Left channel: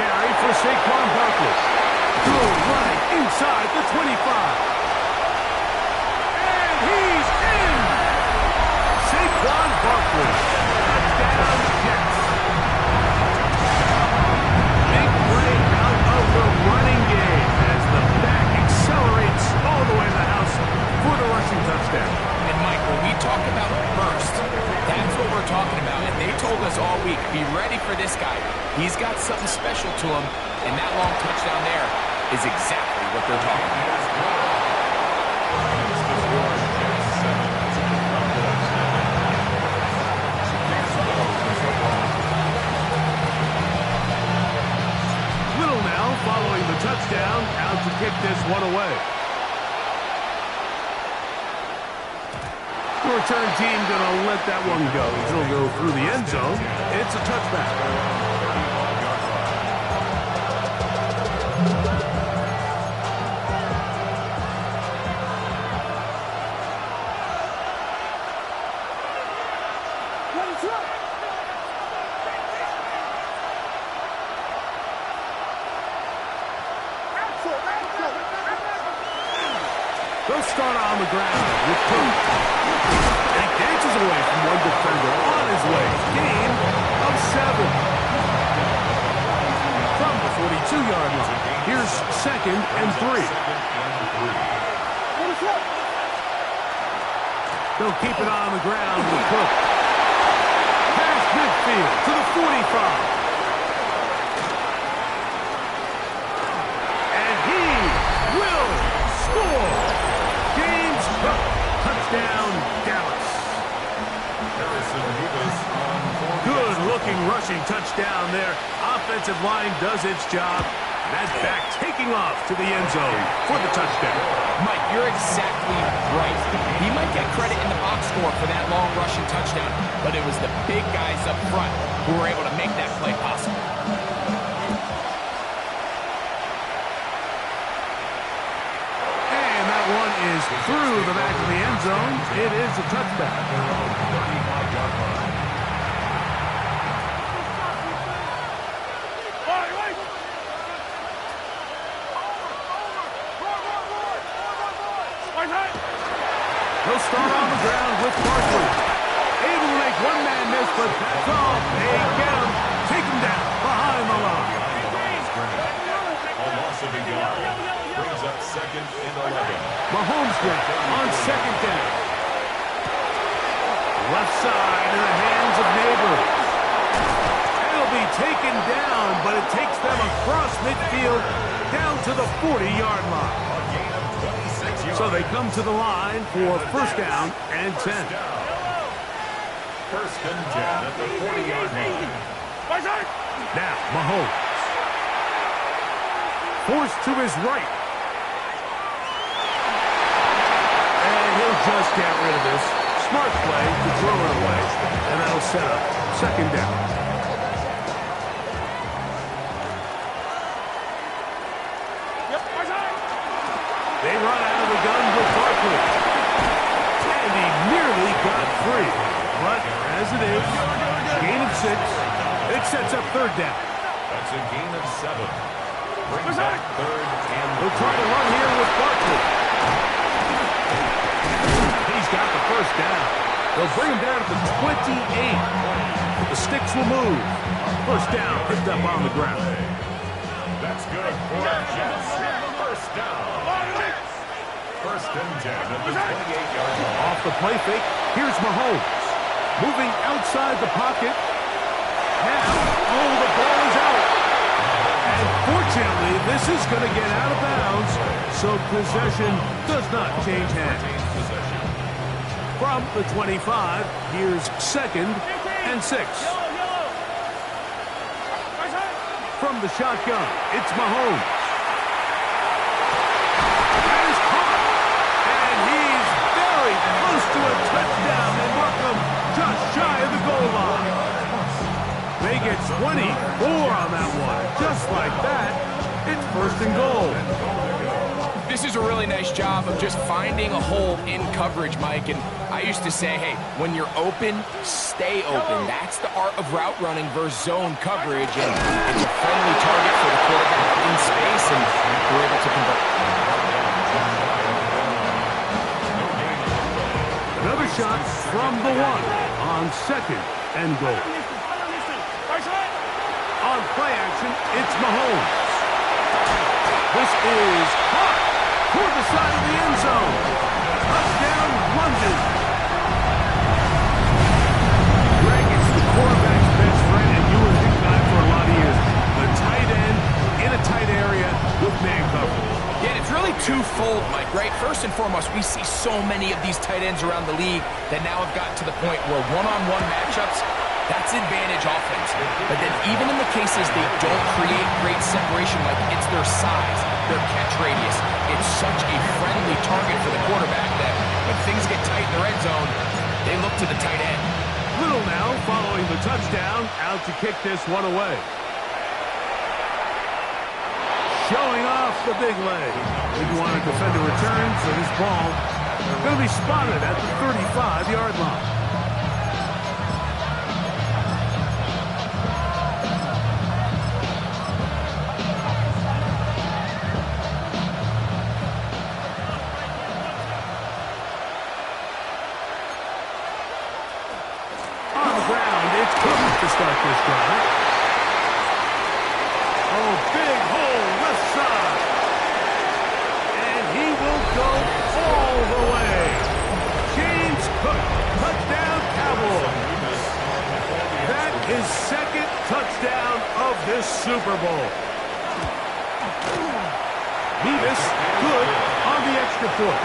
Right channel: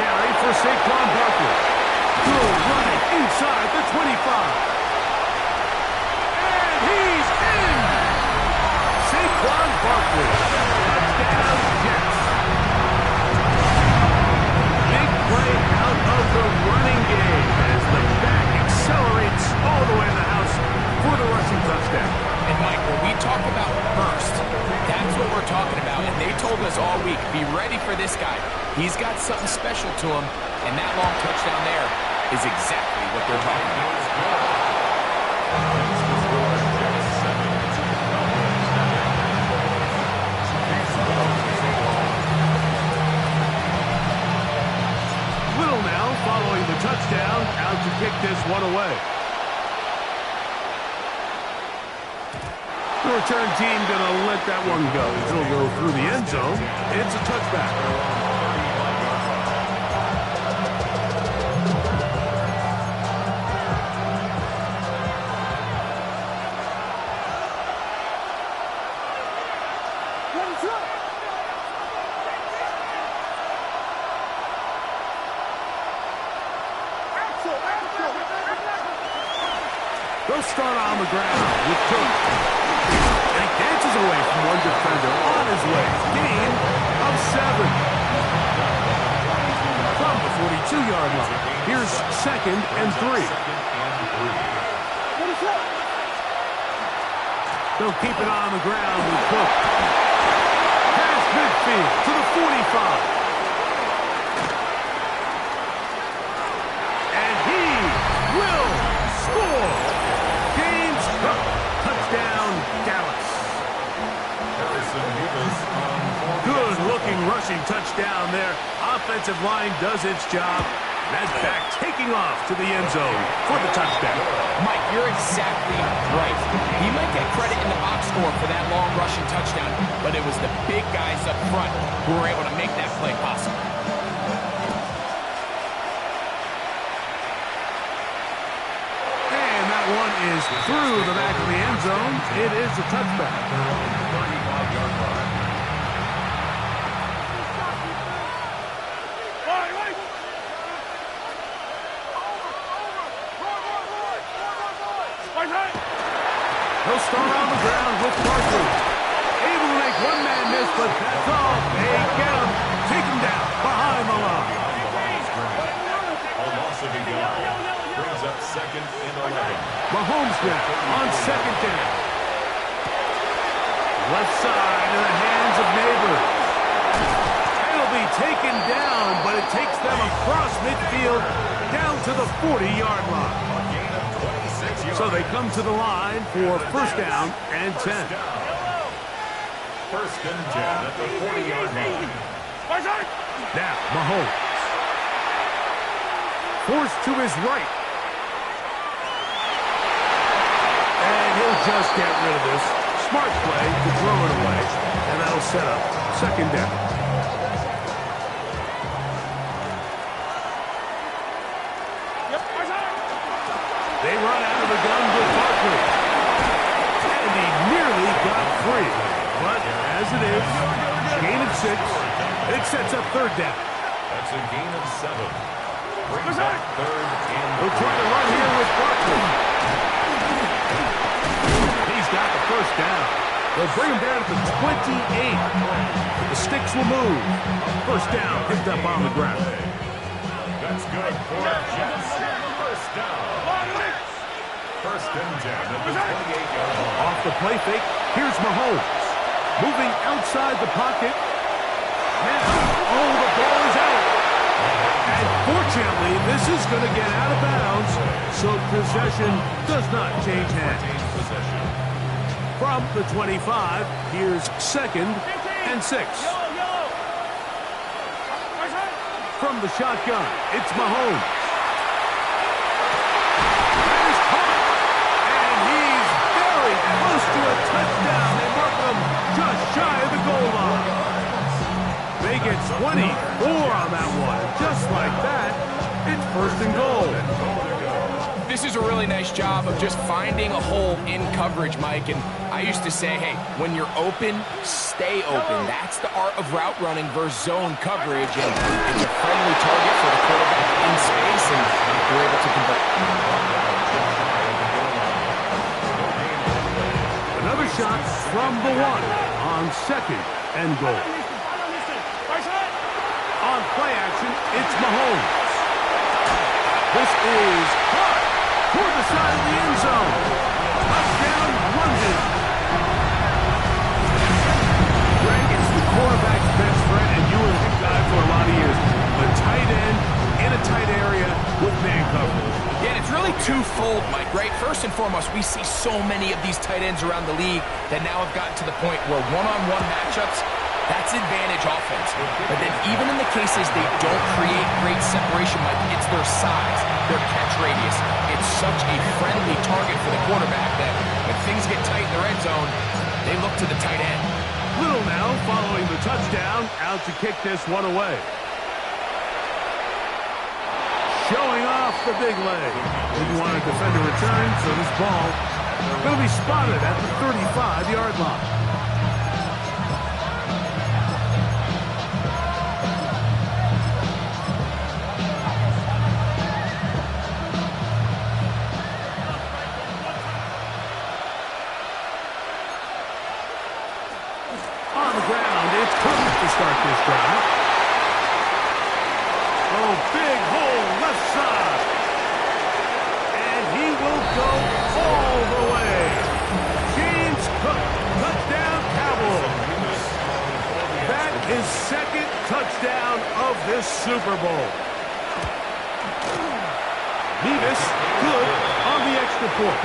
carry for Saquon Barkley. Good running inside the 25. And he's in! Saquon Barkley. Touchdown, Jets. Big play out of the running game as the back accelerates all the way in the house for the rushing touchdown. And Mike, when we talk about burst, that's what we're talking about. And they told us all week, be ready for this guy. He's got something special to him, and that long touchdown there is exactly what they're talking about. Little now following the touchdown, out to kick this one away. The return team going to let that one go. It'll go through the end zone. It's a touchback. They'll start on the ground with Cook. And he dances away from one defender on his way. Gain of 7. From the 42-yard line. Here's 2nd and 3. They'll keep it on the ground with Cook. Past midfield to the 45. And he will score. James Cook, touchdown, Dallas. Good-looking rushing touchdown there. Offensive line does its job. That back taking off to the end zone for the touchdown. Mike, you're exactly right. He might get credit in the box score for that long rushing touchdown, but it was the big guys up front who were able to make that play possible. One is through the back of the end zone. It is a touchback. They'll start on the ground with Barkley. Able to make one man miss, but that's all. They get him. Take him down behind the line. A loss of a yard. Brings up 2nd and 11. Mahomes now on 2nd down. Left side in the hands of Neighbors. It'll be taken down, but it takes them across midfield down to the 40-yard line. A gain of 26 yards. So they come to the line for 1st down and 10. 1st and 10 at the 40-yard line. Now Mahomes. Forced to his right. And he'll just get rid of this. Smart play to throw it away. And that'll set up 2nd down. They run out of the gun with Barkley. And he nearly got free. But as it is, gain of 6. It sets up 3rd down. That's a gain of 7. Brings up 3rd and 3. They'll try to run here with Barkley. He's got the 1st down. They'll bring him down at the 28. But the sticks will move. 1st down picked up on the ground. That's good for Jets. 1st down. 1st and 10 at the 28-yard line. Off the play fake, here's Mahomes. Moving outside the pocket. Now, the ball is out. And fortunately, this is going to get out of bounds, so possession does not change hands. From the 25, here's 2nd and 6. From the shotgun, it's Mahomes. That is caught. And he's very close to a touchdown. They mark him just shy of the goal line. They get 24 on that one. Just like that, it's 1st and goal. This is a really nice job of just finding a hole in coverage, Mike. And I used to say, hey, when you're open, stay open. That's the art of route running versus zone coverage. And it's a friendly target for the quarterback in space, and we're able to convert. Another shot from the 1 on 2nd and goal. On play action, it's Mahomes. This is caught toward the side of the end zone. Touchdown, London. Greg, it's the quarterback's best friend, and you were a big guy for a lot of years. The tight end in a tight area with man coverage. Yeah, and it's really twofold, Mike, right? First and foremost, we see so many of these tight ends around the league that now have gotten to the point where one-on-one matchups, that's advantage offense. But then even in the cases they don't create great separation, Mike, it's their size, their catch radius. It's such a friendly target for the quarterback that when things get tight in the red zone, they look to the tight end. Little now following the touchdown, out to kick this one away. Showing off the big leg. Didn't want to defend a return, so this ball going to be spotted at the 35-yard line. On the ground, it's Cook to start this drive. Oh, big hole left side. And he will go all the way. James Cook, touchdown Cowboys. That is 2nd touchdown of this Super Bowl. Mevis, good on the extra point.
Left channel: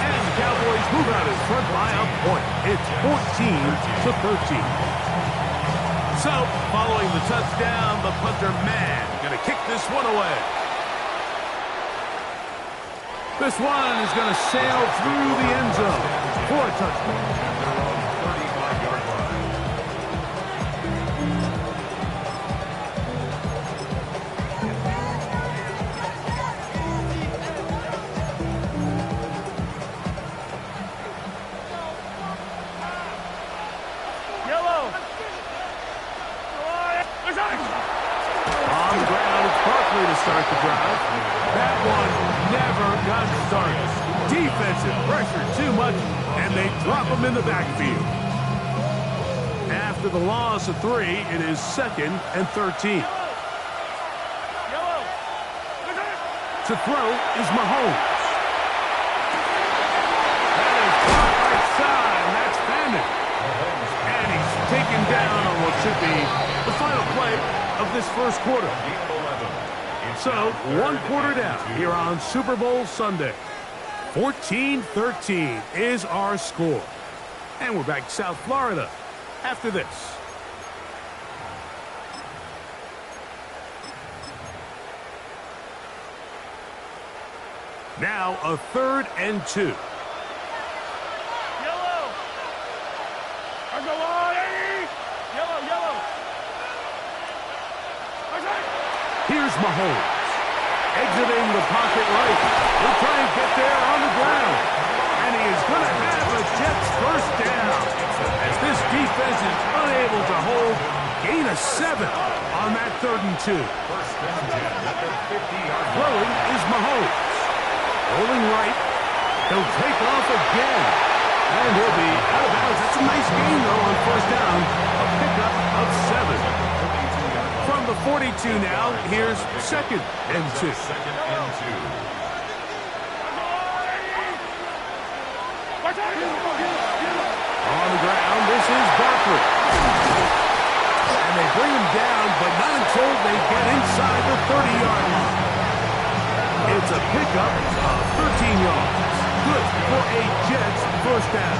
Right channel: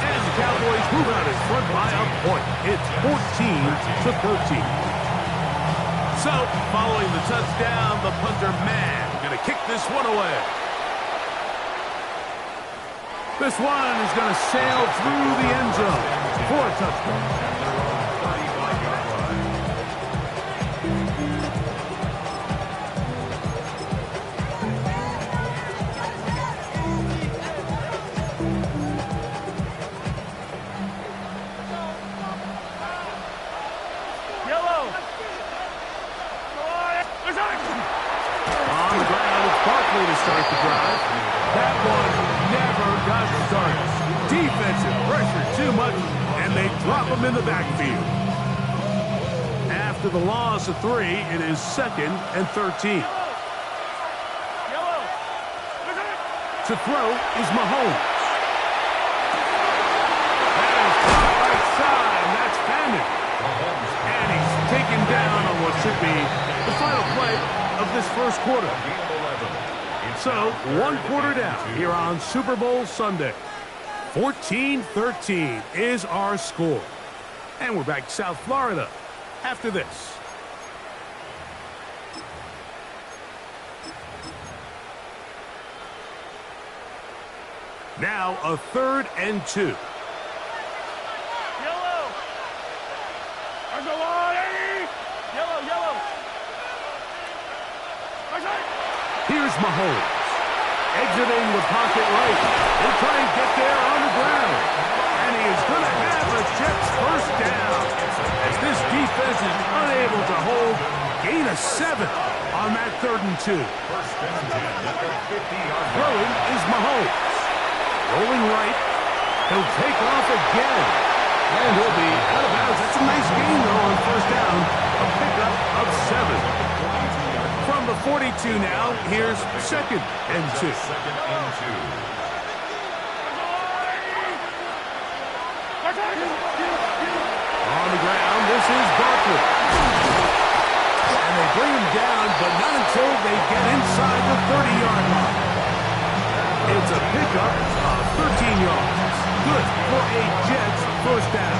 And the Cowboys move out in front by a point. It's 14-13. So, following the touchdown, the punter man going to kick this one away. This one is going to sail through the end zone for a touchdown. On the ground, it's Barkley to start the drive. That one never got started. Defensive pressure too much, and they drop him in the backfield. After the loss of 3, it is 2nd and 13. To throw is Mahomes. That is caught right side, and that's Fannin. And he's taken down on what should be the final play of this first quarter. So, 1 quarter down here on Super Bowl Sunday. 14-13 is our score. And we're back to South Florida after this. Now a 3rd and 2. Yellow. Yellow. Here's Mahomes. Exiting the pocket right. He'll try and get there on the ground. And he is going to have a Jets first down. As this defense is unable to hold. Gain of 7 on that 3rd and 2. Throwing is Mahomes. Rolling right. He'll take off again. And he'll be out of bounds. That's a nice gain, though, on first down. A pickup of 7. From the 42 now, here's 2nd and 2. On the ground, this is Barkley. And they bring him down, but not until they get inside the 30-yard line. It's a pickup of 13 yards. Good for a Jets first down.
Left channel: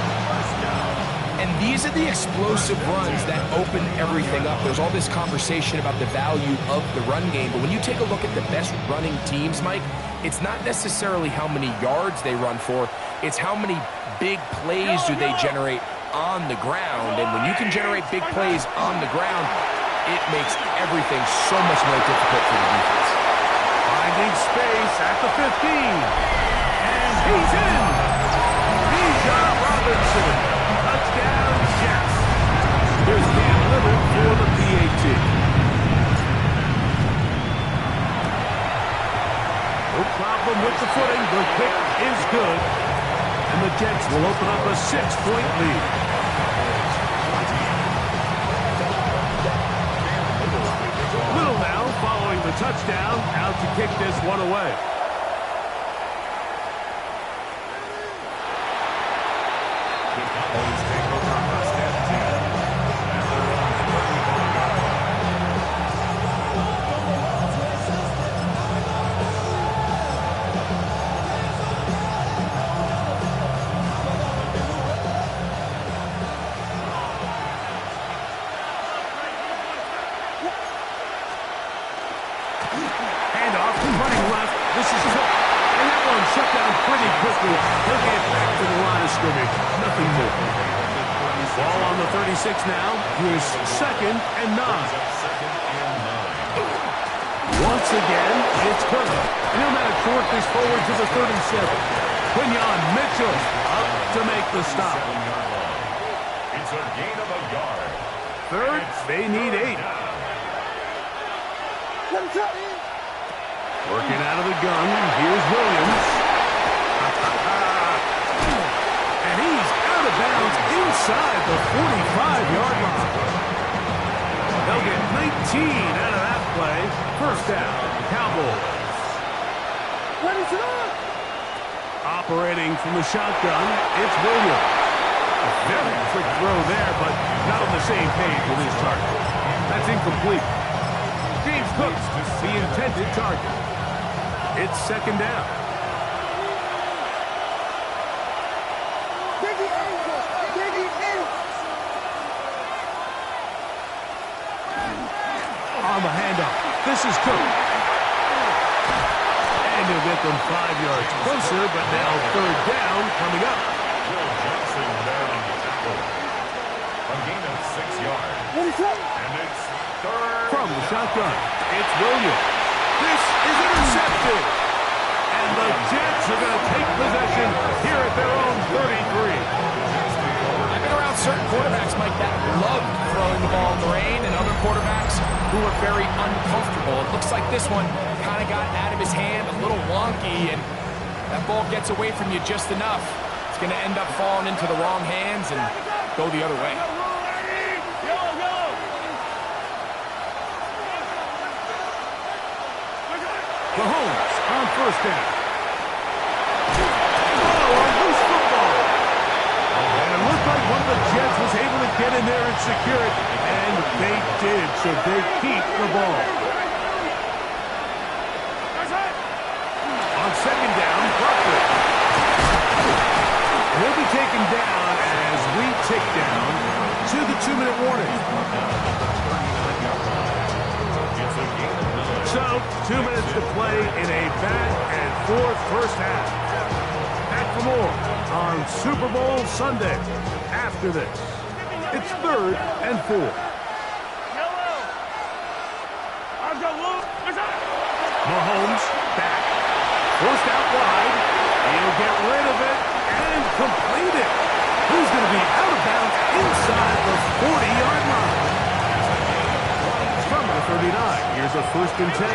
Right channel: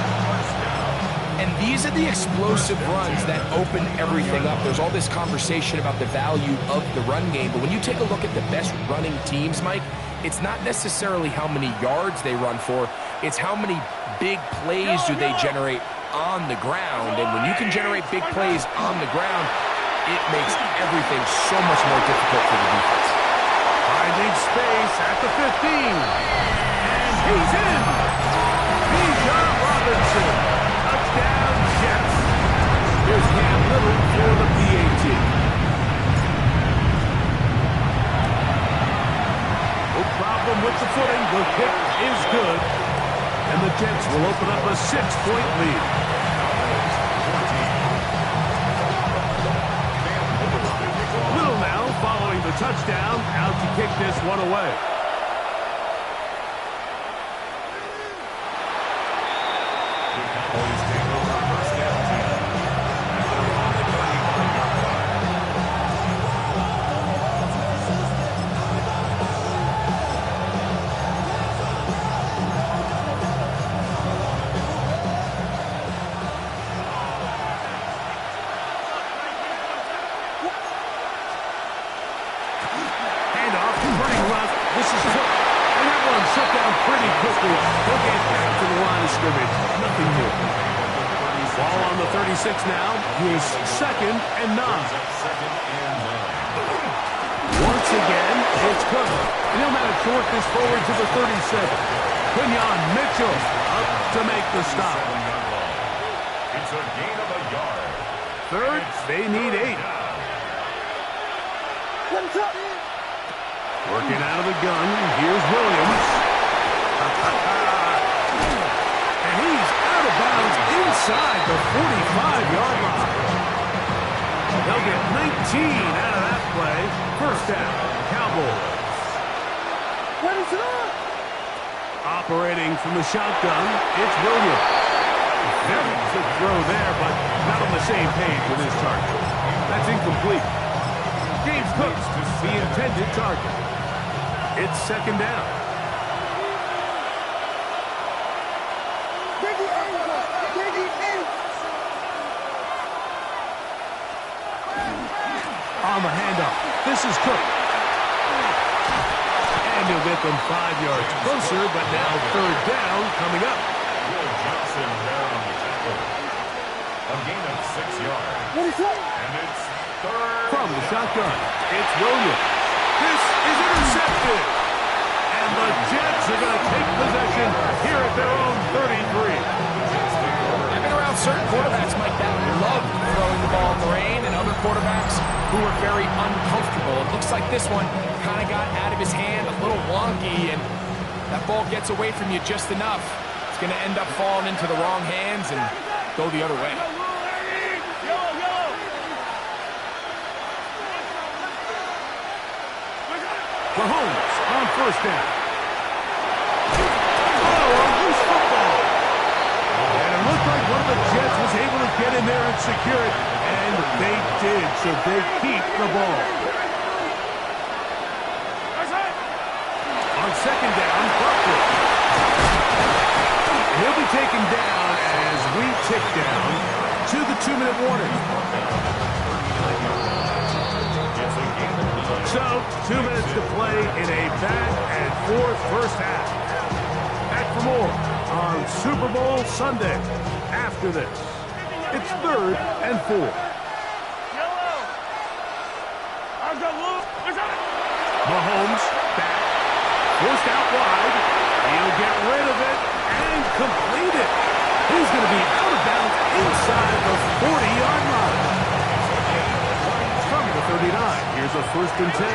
And these are the explosive runs that open everything up. There's all this conversation about the value of the run game, but when you take a look at the best running teams, Mike, it's not necessarily how many yards they run for, it's how many big plays do they generate on the ground. And when you can generate big plays on the ground, it makes everything so much more difficult for the defense. Finding space at the 15. And he's in. Bijan Robinson. Touchdown, Jets. Here's Cam Little for the PAT. No problem with the footing. The kick is good. And the Jets will open up a 6-point lead. Little now following the touchdown, out to kick this one away. The Cowboys take over first and 10. And they're on the 35-yard line. Handoff, running left. This is Cook. And that one shut down pretty quickly. He'll get back to the line of scrimmage. Nothing more. Ball on the 36 now. Here's 2nd and 9. Once again, it's Cook. And he'll manage to work this forward to the 37. Quinyon Mitchell up to make the stop. It's a gain of a yard. Third, they need 8. Working out of the gun, here's Williams. And he's out of bounds inside the 45-yard line. They'll get 19 out of that play. First down, Cowboys. Operating from the shotgun, it's Williams. Very quick throw there, but not on the same page with his target. That's incomplete. James Cook, the intended target. It's 2nd down. On the handoff, this is Cook. And he'll get them 5 yards closer, but now 3rd down coming up. Will Johnson there on the tackle. A gain of 6 yards. And it's 3rd. From the shotgun, it's Williams. This is intercepted. And the Jets are going to take possession here at their own 33. I've been around certain quarterbacks, Mike, that loved throwing the ball in the rain, and other quarterbacks who were very uncomfortable. It looks like this one kind of got out of his hand, a little wonky, and that ball gets away from you just enough. It's going to end up falling into the wrong hands and go the other way. Mahomes on first down. Oh, a loose football. And it looked like one of the Jets was able to get in there and secure it. And they did, so they keep the ball. On 2nd down, Barkley. He'll be taken down as we tick down to the 2-minute warning. So, 2 minutes to play in a back-and-forth first half. Back for more on Super Bowl Sunday. After this, it's 3rd and 4. Mahomes back, forced out wide. He'll get rid of it and complete it. He's going to be out of bounds inside the 40-yard line. From the 39, here's a 1st and 10.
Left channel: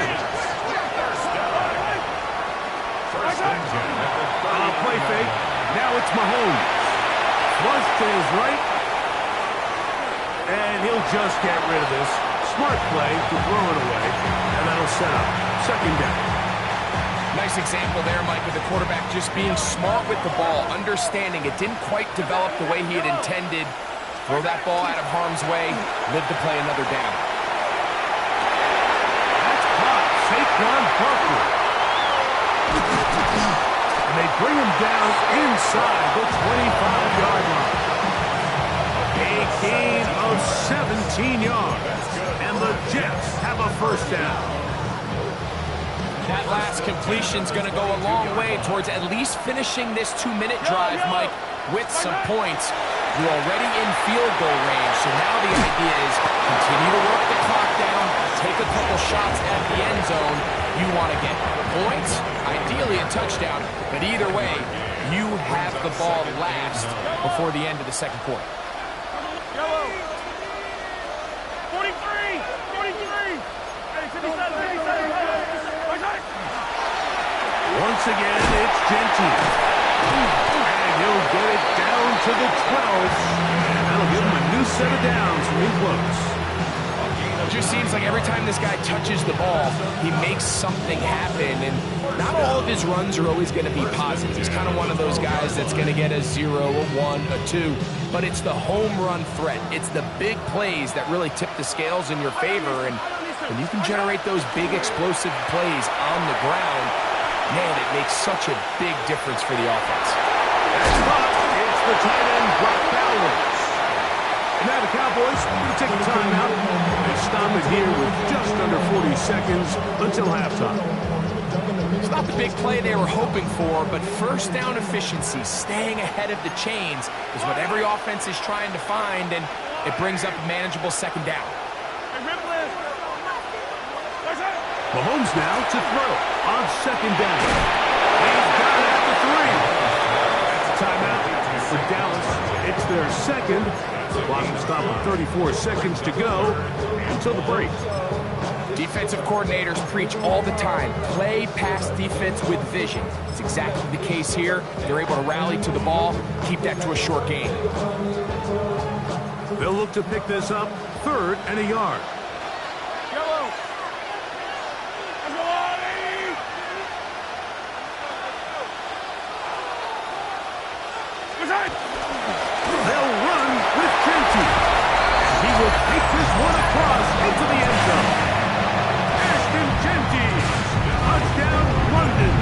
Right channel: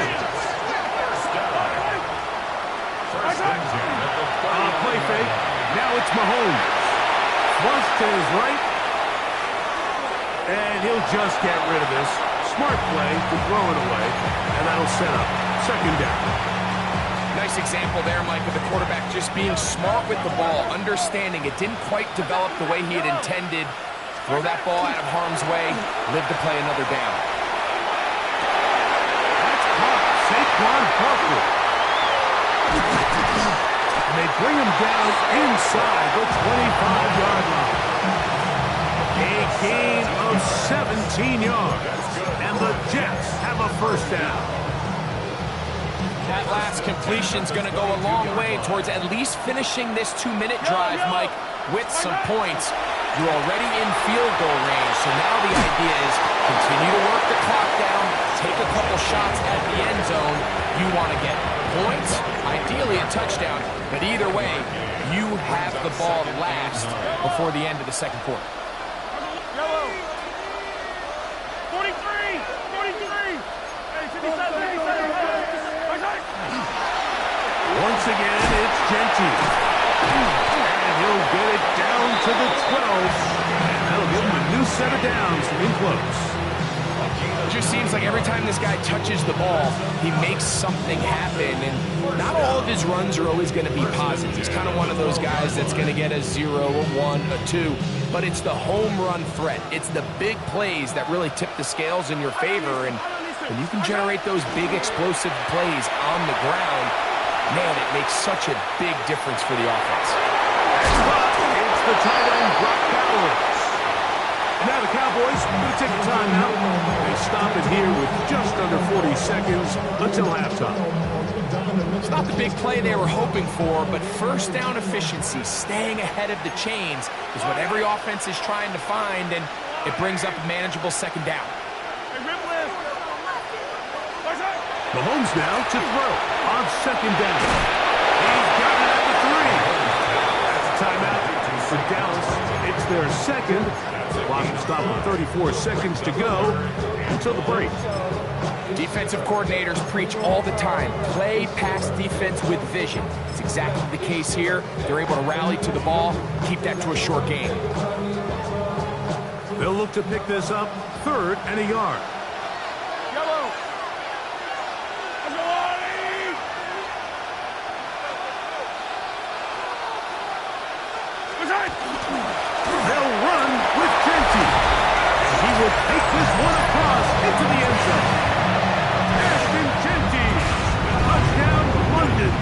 Play fake. Now it's Mahomes. Flush to his right. And he'll just get rid of this. Smart play to throw it away. And that'll set up 2nd down. Nice example there, Mike, of the quarterback just being smart with the ball, understanding it didn't quite develop the way he had intended. Throw that ball out of harm's way, live to play another down. Saquon Barkley. And they bring him down inside the 25-yard line. A gain of 17 yards. And the Jets have a 1st down. That last completion's going to go a long way towards at least finishing this 2-minute drive, Mike, with some points. You're already in field goal range, so now the idea is continue to work the clock down, take a couple couple shots at the end zone. You want to get points, ideally a touchdown, but either way, you have the ball last before the end of the second quarter. Yellow. 43. 43. Hey, 57. Once again, it's Genty. And he'll get it down to the 12. And that'll give him a new set of downs from in close. It just seems like every time this guy touches the ball, he makes something happen. And not all of his runs are always going to be positive. He's kind of one of those guys that's going to get a 0, a 1, a 2. But it's the home run threat. It's the big plays that really tip the scales in your favor. And when you can generate those big explosive plays on the ground, man, it makes such a big difference for the offense. That's caught. It's the tight end, Brock Bowers. And now the Cowboys are going to take a timeout. They stop it here with just under 40 seconds until halftime. It's not the big play they were hoping for, but first down efficiency, staying ahead of the chains, is what every offense is trying to find, and it brings up a manageable second down. Mahomes now to throw on second down. He's got it at the 3. That's a timeout for Dallas. It's their second. Clock will stop with 34 seconds to go until the break. Defensive coordinators preach all the time, play pass defense with vision. It's exactly the case here. They're able to rally to the ball, keep that to a short gain. They'll look to pick this up, 3rd and a yard. Yellow. They'll run with Genty. And he will take this one across into the end zone. Genty. Touchdown, London.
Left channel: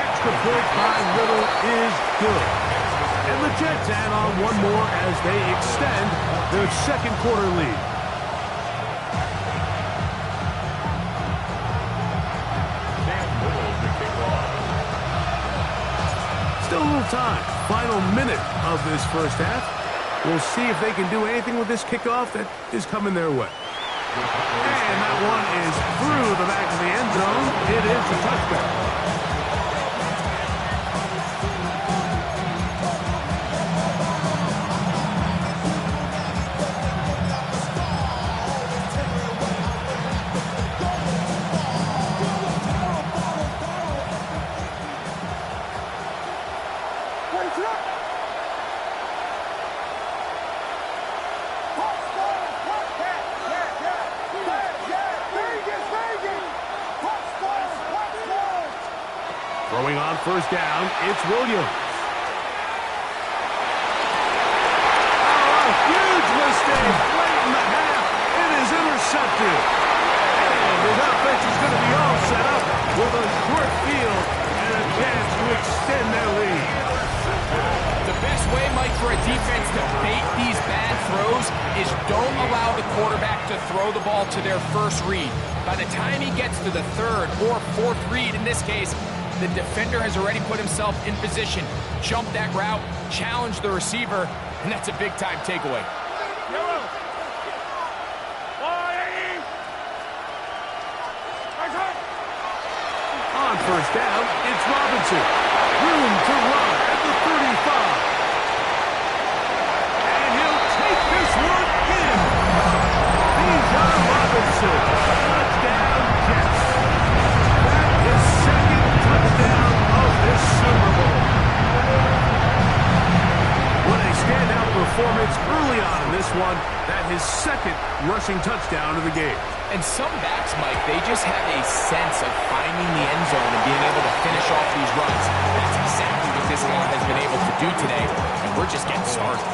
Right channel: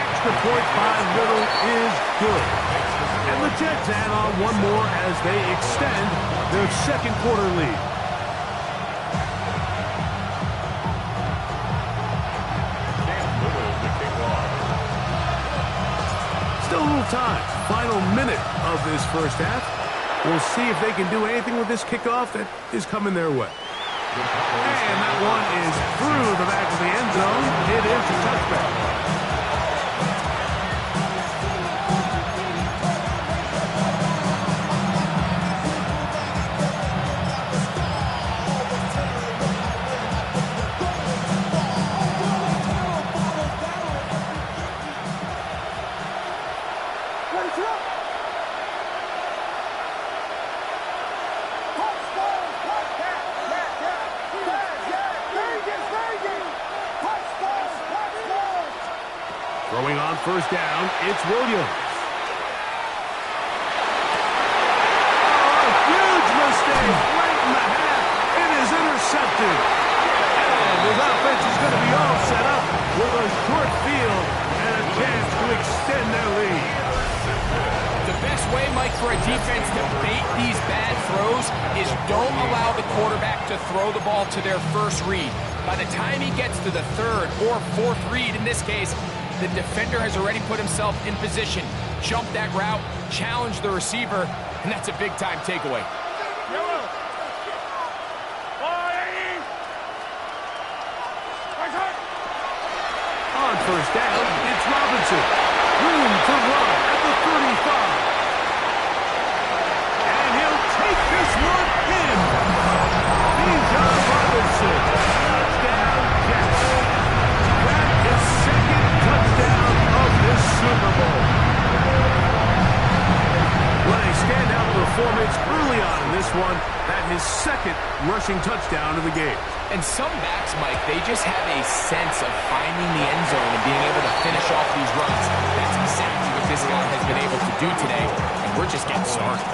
Extra point by Little is good. And the Jets add on one more as they extend their second quarter lead. Still a little time. Final minute of this first half. We'll see if they can do anything with this kickoff that is coming their way. And that one is through the back of the end zone. It is a touchback. Throwing on first down, it's Williams. Oh, a huge mistake late in the half. It is intercepted. And his offense is going to be all set up with a short field and a chance to extend their lead. The best way, Mike, for a defense to bait these bad throws is don't allow the quarterback to throw the ball to their first read. By the time he gets to the 3rd or 4th read, in this case, the defender has already put himself in position, jump that route, challenge the receiver, and that's a big-time takeaway. Yellow. On first down, it's Robinson. Room to run at the 35. And he'll take this one in. Bijan Robinson. Touchdown, Jets. That is second touchdown of this Super Bowl. What a standout performance early on in this one. That his second rushing touchdown of the game. And some backs, Mike, they just have a sense of finding the end zone and being able to finish off these runs. That's exactly what this guy has been able to do today, and we're just getting started.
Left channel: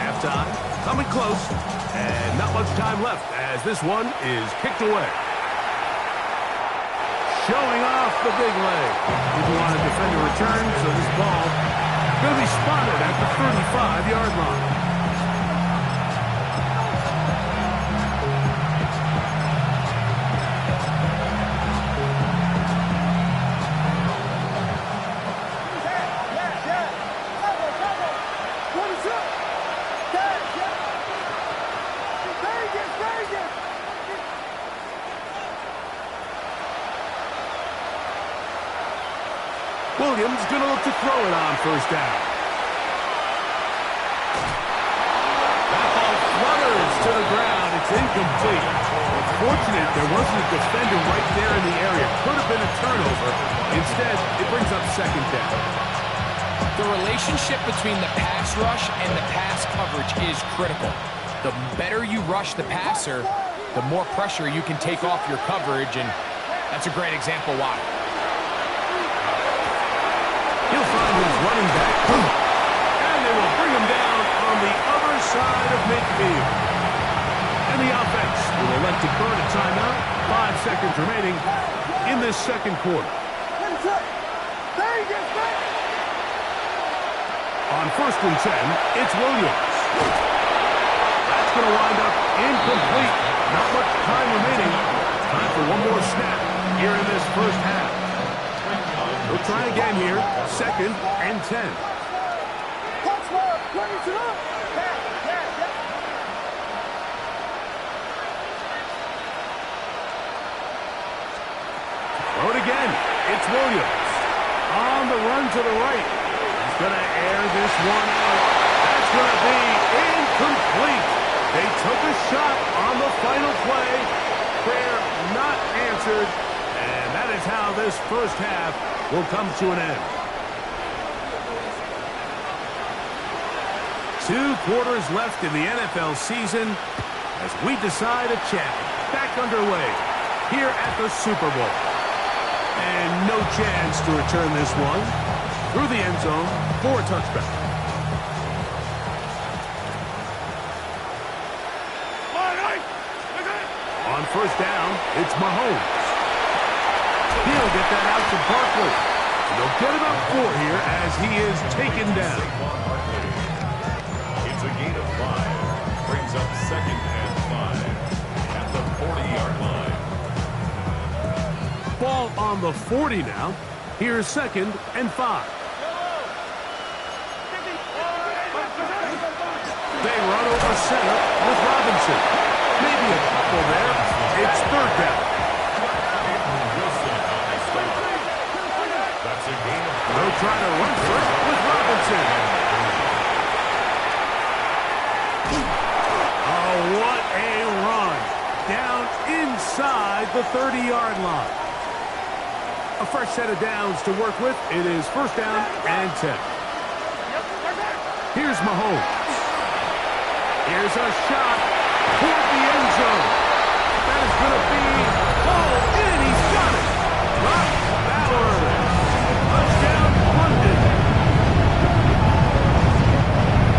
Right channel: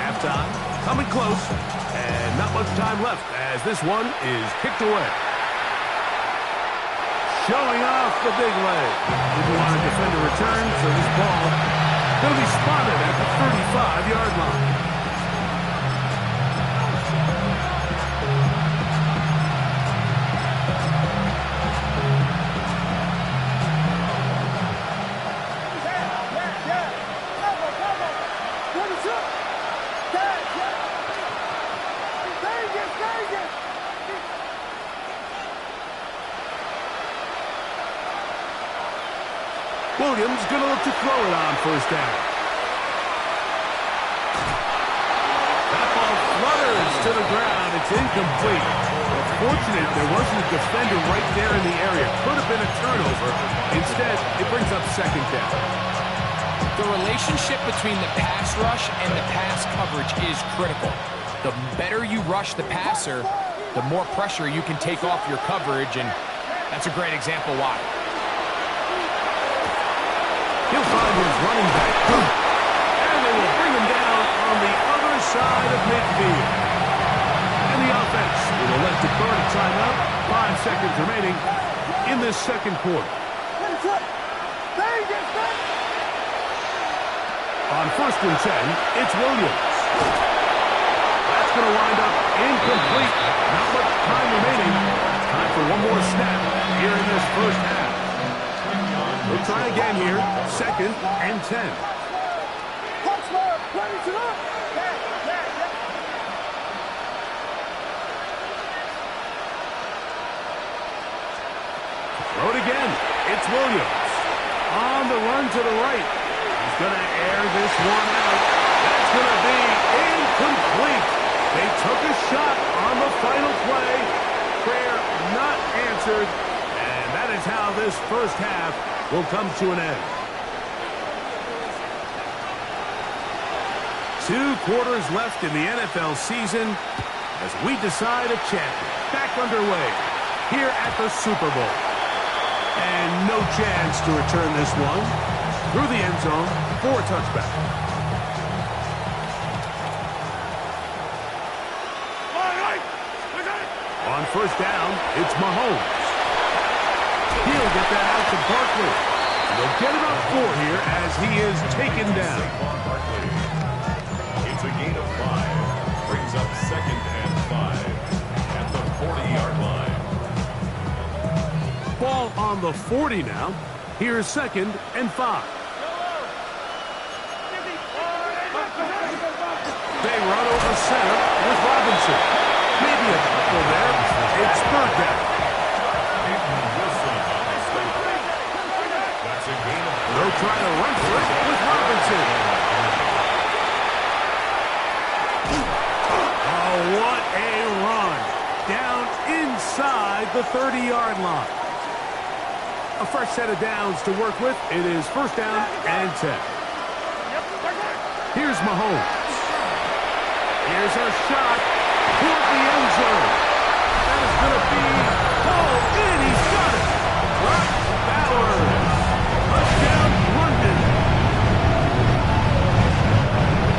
Halftime, coming close, and not much time left as this one is kicked away. Showing off the big leg. Didn't want to defend a return, so this ball going to be spotted at the 35-yard line. Williams going to look to throw it on first down. That ball flutters to the ground. It's incomplete. Fortunate there wasn't a defender right there in the area. Could have been a turnover. Instead, it brings up second down. The relationship between the pass rush and the pass coverage is critical. The better you rush the passer, the more pressure you can take off your coverage, and that's a great example why. He'll find his running back, and they will bring him down on the other side of midfield. And the offense will elect to burn a timeout. 5 seconds remaining in this second quarter. On 1st and 10, it's Williams. That's going to wind up incomplete. Not much time remaining. Time for one more snap here in this first half. We'll try again here. 2nd and 10. Throw it again. It's Williams. On the run to the right. He's going to air this one out. That's going to be incomplete. They took a shot on the final play. Prayer not answered. And that is how this first half will come to an end. 2 quarters left in the NFL season as we decide a champion. Back underway here at the Super Bowl. And no chance to return this one through the end zone for a touchback. On first down, it's Mahomes. He'll get that out to Barkley. And they'll get about 4 here as he is taken down. It's a gain of 5. Brings up 2nd and 5 at the 40-yard line. Ball on the 40 now. Here's 2nd and 5. They run over center with Robinson. Maybe a couple there. It's 3rd down. That's a gain of 3. They'll try to run for it with Robinson. Oh, what a run. Down inside the 30-yard line. A fresh set of downs to work with. It is 1st down and 10. Here's Mahomes. Here's a shot toward the end zone. That is going to be hauled in. He's got it. Brock Bowers. Touchdown, London.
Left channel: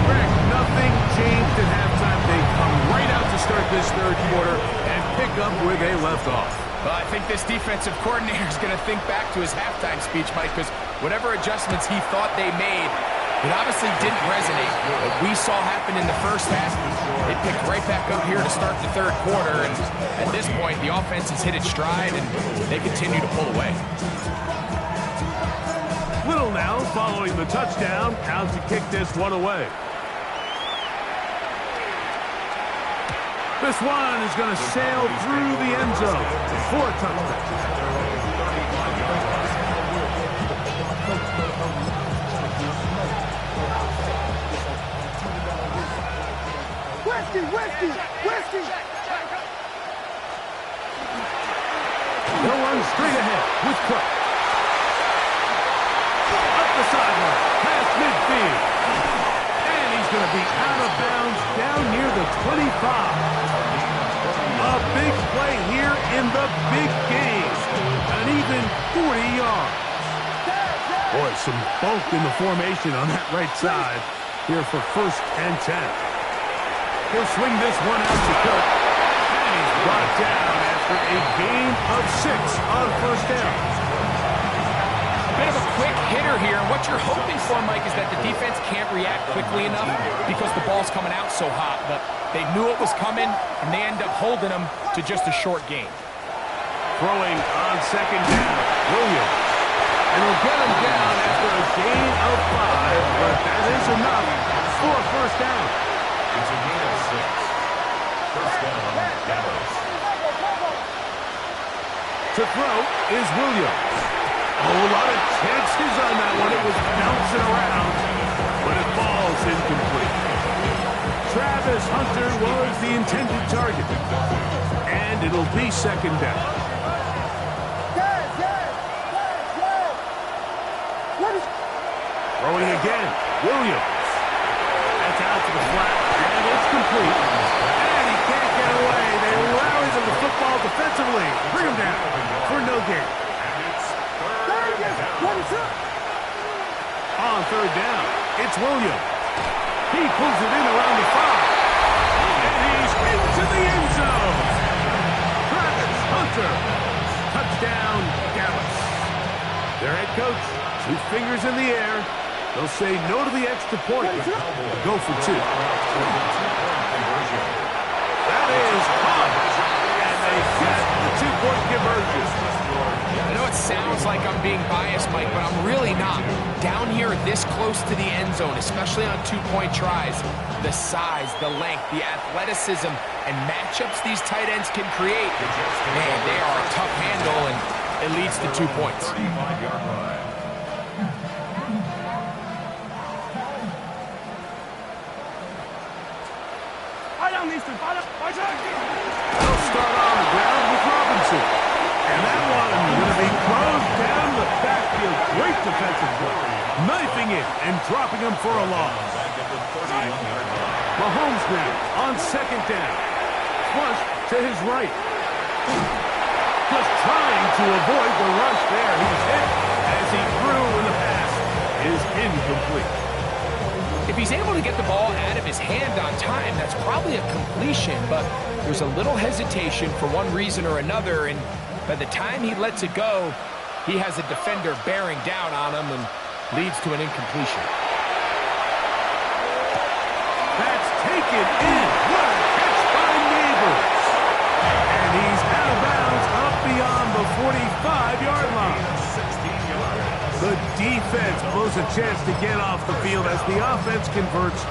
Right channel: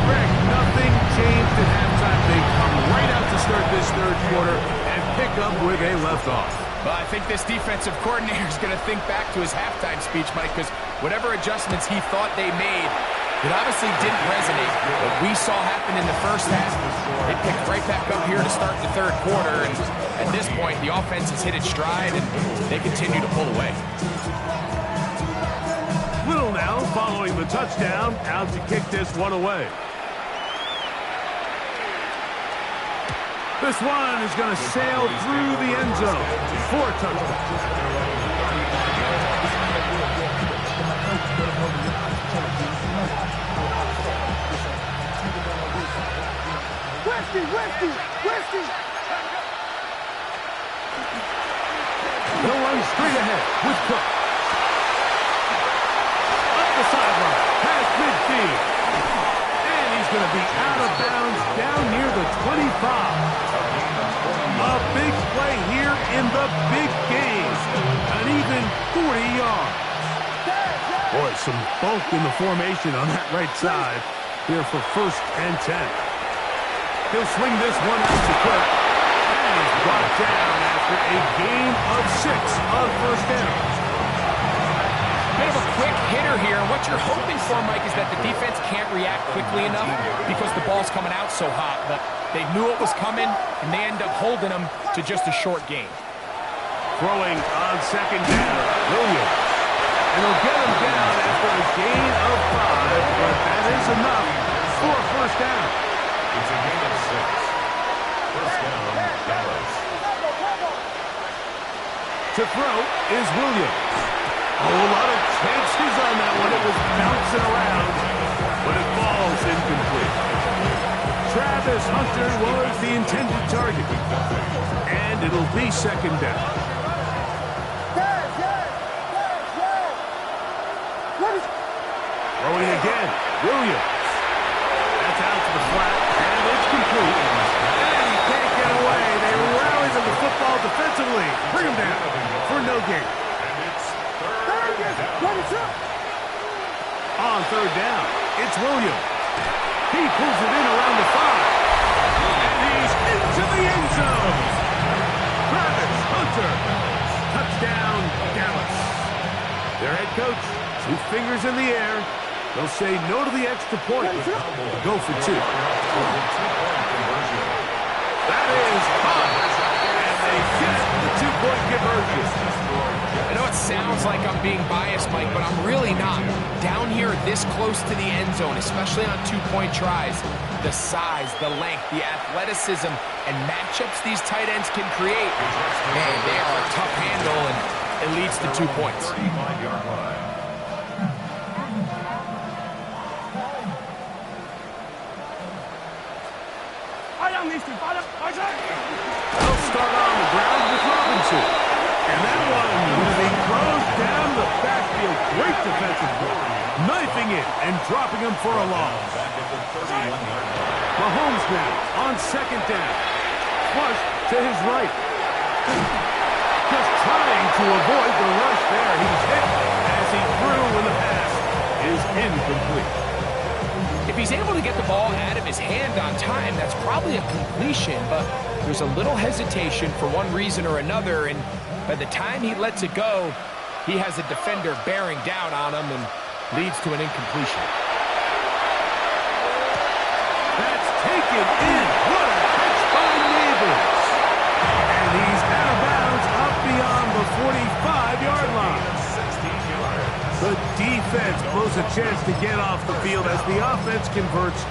Greg, nothing changed at halftime. They come right out to start this 3rd quarter and pick up where they left off. Well, I think this defensive coordinator is going to think back to his halftime speech, Mike, because whatever adjustments he thought they made, it obviously didn't resonate. What we saw happen in the first half, they picked right back up here to start the 3rd quarter, and at this point, the offense has hit its stride, and they continue to pull away. Little now following the touchdown, out to kick this one away. This one is going to sail through the end zone for a touchdown. Whiskey! They'll run straight ahead with Cook. Up the sideline, past midfield. And he's going to be out of bounds down near the 25. A big play here in the big game. An even 40 yards. Boy, some bulk in the formation on that right side here for 1st and 10. He'll swing this one out to Cook. And he's brought down after a gain of 6 on 1st down. Bit of a quick hitter here, and what you're hoping for, Mike, is that the defense can't react quickly enough because the ball's coming out so hot, but they knew it was coming, and they end up holding them to just a short gain. Throwing on 2nd down, Williams. And they'll get him down after a gain of 5, but that is enough for a 1st down. It's a gain of 6. 1st down, Dallas. To throw is Williams. Oh, a lot of chances on Travis Hunter was the intended target. And it'll be second down. Throwing again, Williams. That's out to the flat, and it's complete. And he can't get away. They rally to the football defensively. Bring him down for no gain. And it's third down. On third down, it's Williams. He pulls it in around the 5. And he's into the end zone. Travis Hunter. Touchdown, Dallas. Their head coach, 2 fingers in the air. They'll say no to the extra point, but go for 2. That is hot. And they get the 2-point conversion. I know it sounds like I'm being biased, Mike, but I'm really not. Down here this close to the end zone, especially on 2-point tries, the size, the length, the athleticism, and matchups these tight ends can create, man, they are a tough handle, and it leads to 2 points. 35-yard line. They'll start on the ground with Robinson. And that one going to be closed down the backfield. Great defensive play. Knifing it and dropping him for a loss. Back at the 31-yard line. Mahomes now on second down. Flush to his right. Just trying to avoid the rush there. He's hit as he threw when the pass is incomplete. If he's able to get the ball out of his hand on time, that's probably a completion, but there's a little hesitation for one reason or another, and by the time he lets it go, he has a defender bearing down on him and leads to an incompletion. That's taken in. What a catch by Neighbors. And he's out of bounds up beyond the 45-yard line. 16 yards. The defense blows a chance to get off the field as the offense converts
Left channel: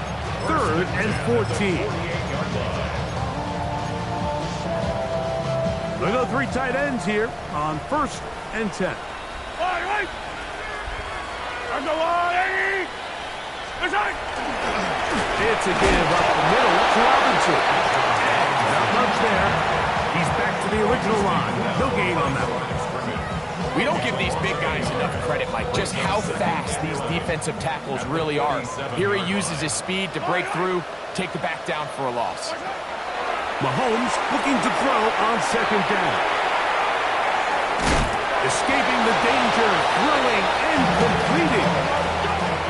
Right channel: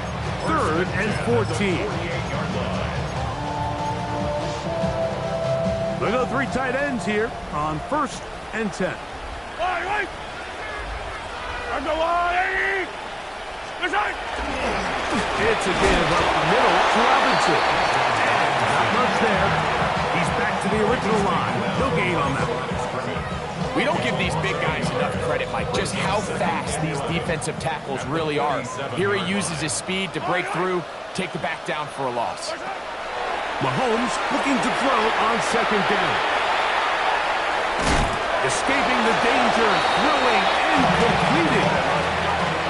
3rd and 14. 48-yard line. They'll go 3 tight ends here on 1st and 10. It's a give up the middle to Robinson. And not much there. He's back to the original line. No gain on that one. We don't give these big guys enough credit, Mike, just how fast these defensive tackles really are. Here he uses his speed to break through, take the back down for a loss. Mahomes looking to throw on second down. Escaping the danger, throwing and completing.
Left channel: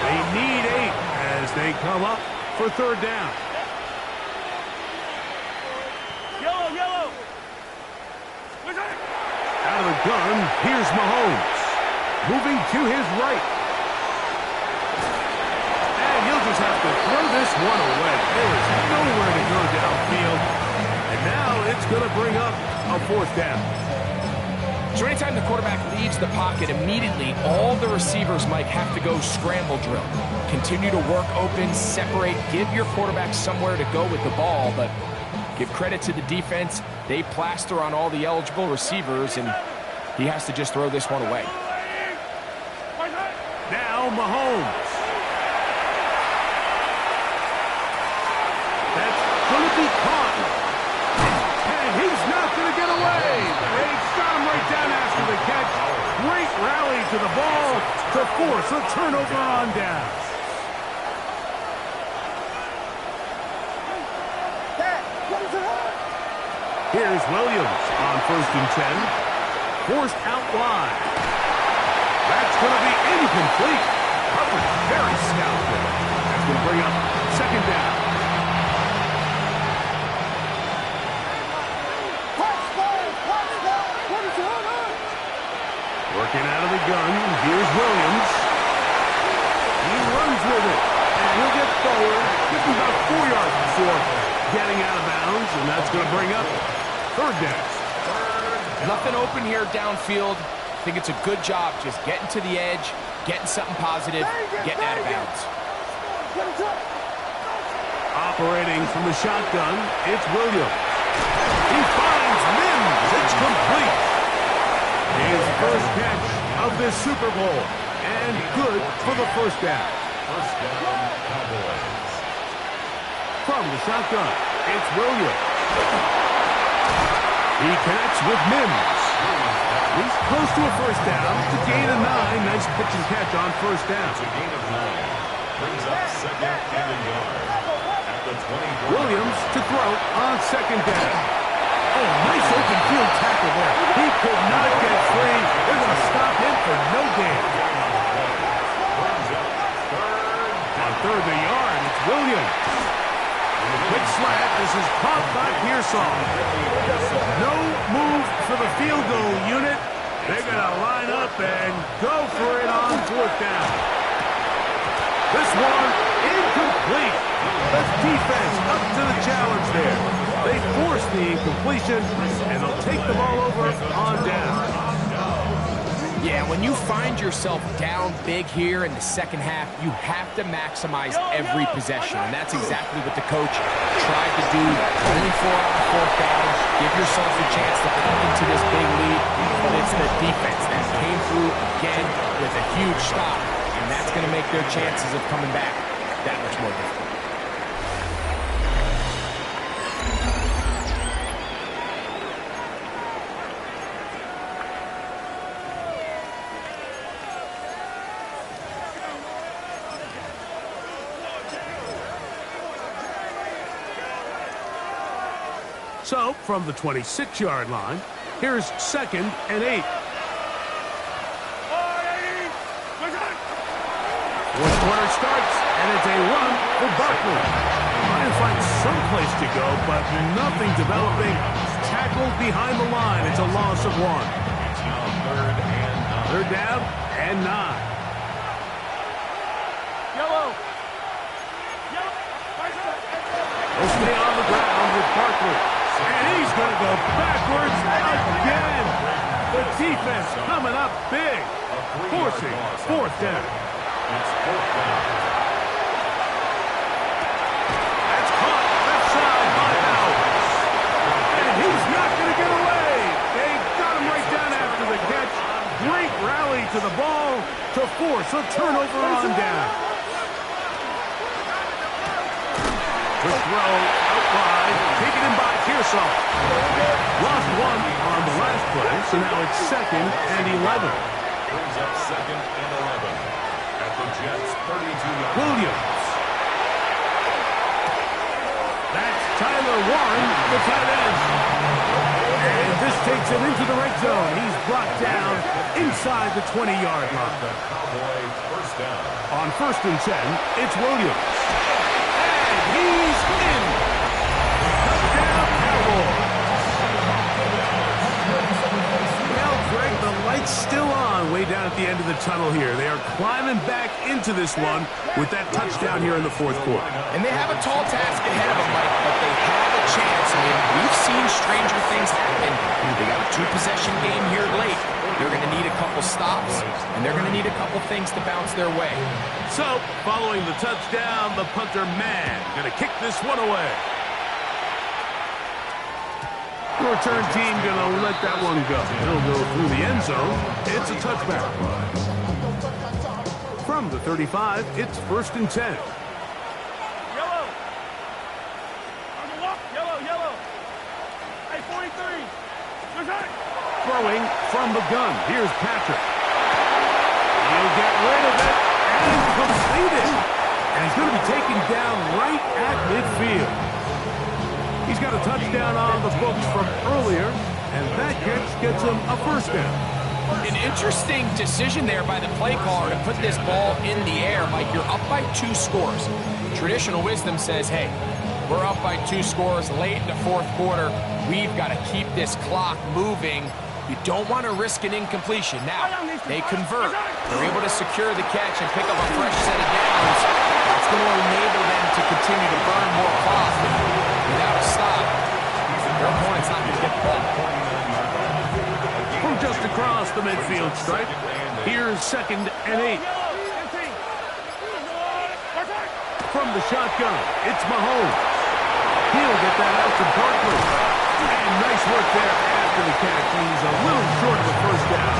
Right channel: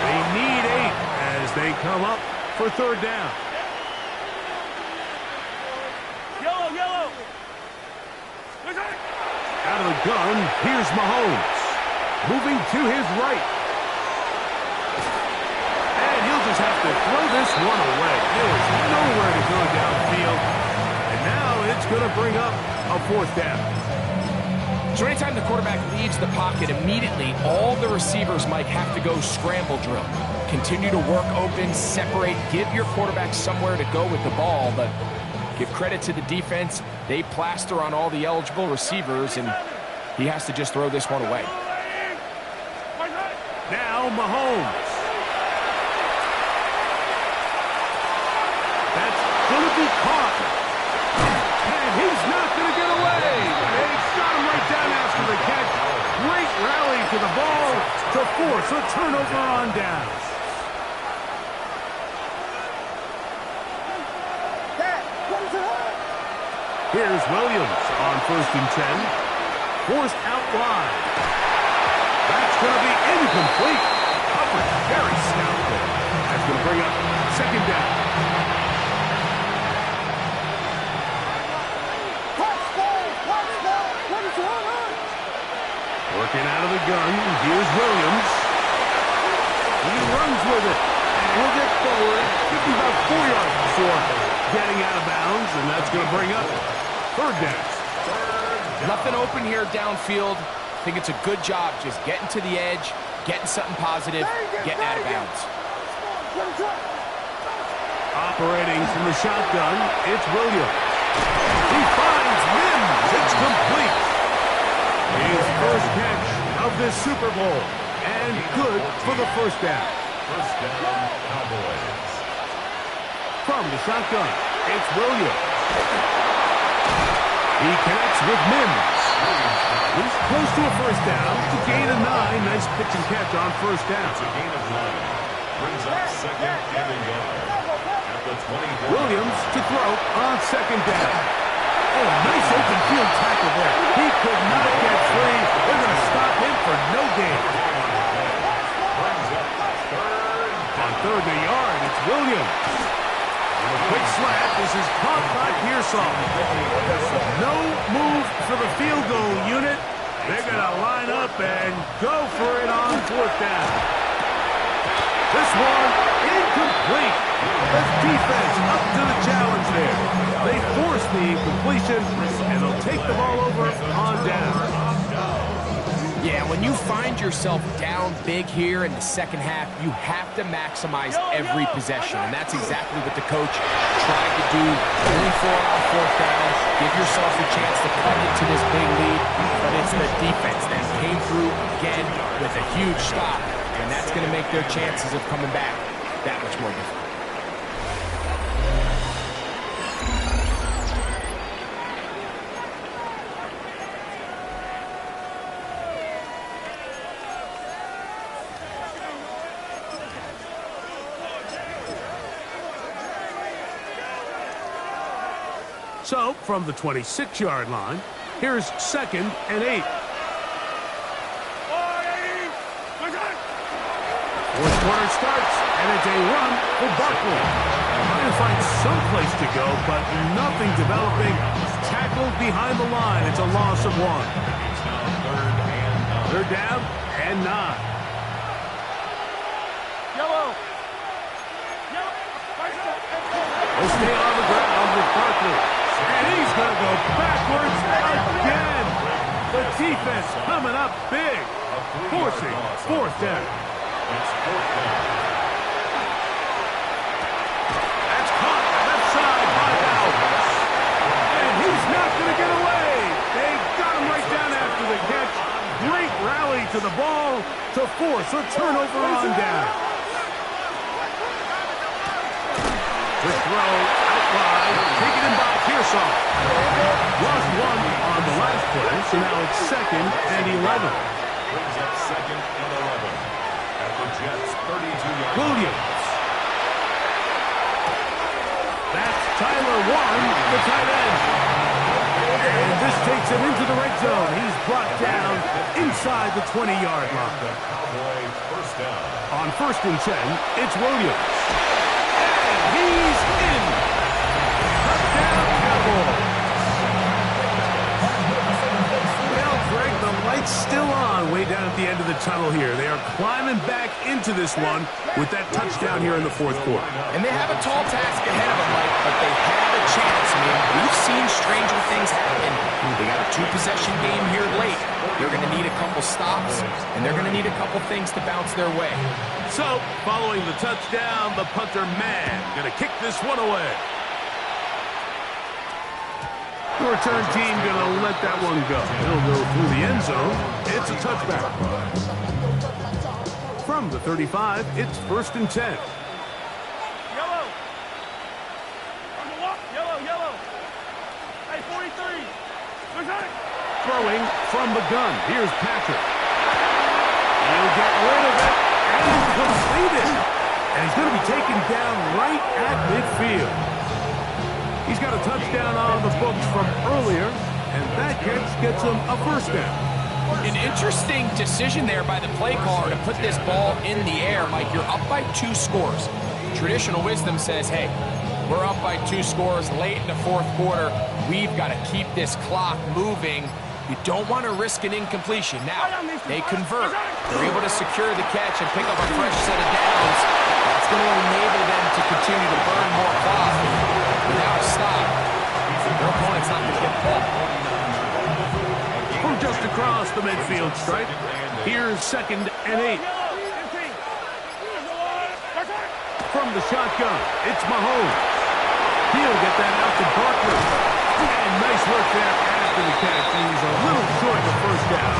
They need 8 as they come up for 3rd down. Yellow. Out of the gun, here's Mahomes. Moving to his right. And he'll just have to throw this one away. There was nowhere to go downfield. And now it's going to bring up a 4th down. So anytime the quarterback leaves the pocket, immediately all the receivers, Mike, have to go scramble drill. Continue to work open, separate, give your quarterback somewhere to go with the ball, but give credit to the defense. They plaster on all the eligible receivers, and he has to just throw this one away. Now Mahomes. That's going to be caught. And he's not going to get away. They got him right down after the catch. Great rally to the ball to force a turnover on downs. Here's Williams on 1st and 10. Forced out wide. That's going to be incomplete. Covered very stout there. That's going to bring up 2nd down. Working out of the gun, here's Williams. He runs with it, and he'll get forward, give him about 4 yards before getting out of bounds, and that's going to bring up 3rd down. Nothing open here downfield. I think it's a good job just getting to the edge, getting something positive, getting out of bounds. Operating from the shotgun, it's Williams. He finds Mims. It's complete. His first catch of this Super Bowl, and good for the 1st down. 1st down, Cowboys. From the shotgun, it's Williams. He connects with Mims. He's close to a first down. It's a gain of 9. Nice pitch and catch on first down. It's a gain of 9. Brings up second and a yard. At the 24. Williams to throw on second down. Oh, nice open field tackle there. He could not get free. They're going to stop him for no gain. Brings up third. On third and a yard, it's Williams. Quick slant. This is caught by Pearsall. No move for the field goal unit. They're going to line up and go for it on fourth down. This one incomplete. The defense up to the challenge there. They force the incompletion, and they'll take the ball over on down. Yeah, when you find yourself down big here in the second half, you have to maximize every possession, and that's exactly what the coach tried to do. Only 4 on fourth down. Give yourself a chance to cut into this big lead, but it's the defense that came through again with a huge stop, and that's going to make their chances of coming back that much more difficult. So, from the 26-yard line, here's second and 8. Fourth quarter starts, and it's a run for Barkley. Trying to find some place to go, but nothing developing. Tackled behind the line. It's a loss of 1. It's now third and 9. Third down and 9. Yellow. He'll stay on the ground with Barkley. And he's going to go backwards again. The defense coming up big, forcing fourth down. It's fourth down. That's caught left side by Bowers. And he's not going to get away. They got him right down after the catch. Great rally to the ball to force a turnover on down. Quick throw out wide, taken in by Pearsall. Lost 1 on the last play, so now it's second and 11. Brings up second and 11. At the Jets' 32-yard. Williams. That's Tyler Warren, the tight end. And this takes him into the red zone. He's brought down inside the 20-yard line. The Cowboy first down. On first and 10, it's Williams. And he's in. Touchdown, Cowboys. Well, Greg, the light's still on way down at the end of the tunnel here. They are climbing back into this one with that touchdown here in the fourth quarter. And they have a tall task ahead of them, Mike, but they have a chance. I mean, we've seen stranger things happen. They got a 2-possession game here late. They're going to need a couple stops, and they're going to need a couple things to bounce their way. So, following the touchdown, the punter man going to kick this one away. The return team going to let that one go. He'll go through the end zone. It's a touchback. From the 35, it's first and 10. Yellow. Yellow. Hey, 43. Throwing from the gun. Here's Patrick. He'll get rid of it and complete it. And he's going to be taken down right at midfield. He's got a touchdown on the books from earlier, and that catch gets him a first down. An interesting decision there by the play caller to put this ball in the air. Mike, you're up by 2 scores. Traditional wisdom says, hey, we're up by 2 scores late in the fourth quarter. We've got to keep this clock moving. You don't want to risk an incompletion. Now, they convert. They're able to secure the catch and pick up a fresh set of downs. That's going to enable them to continue to burn more clock. Without a stop, their opponent's not going to get the ball. From just across the midfield stripe, here's second and 8. From the shotgun, it's Mahomes. He'll get that out to Barkley. And nice work there after the catch. He's a little short of the first down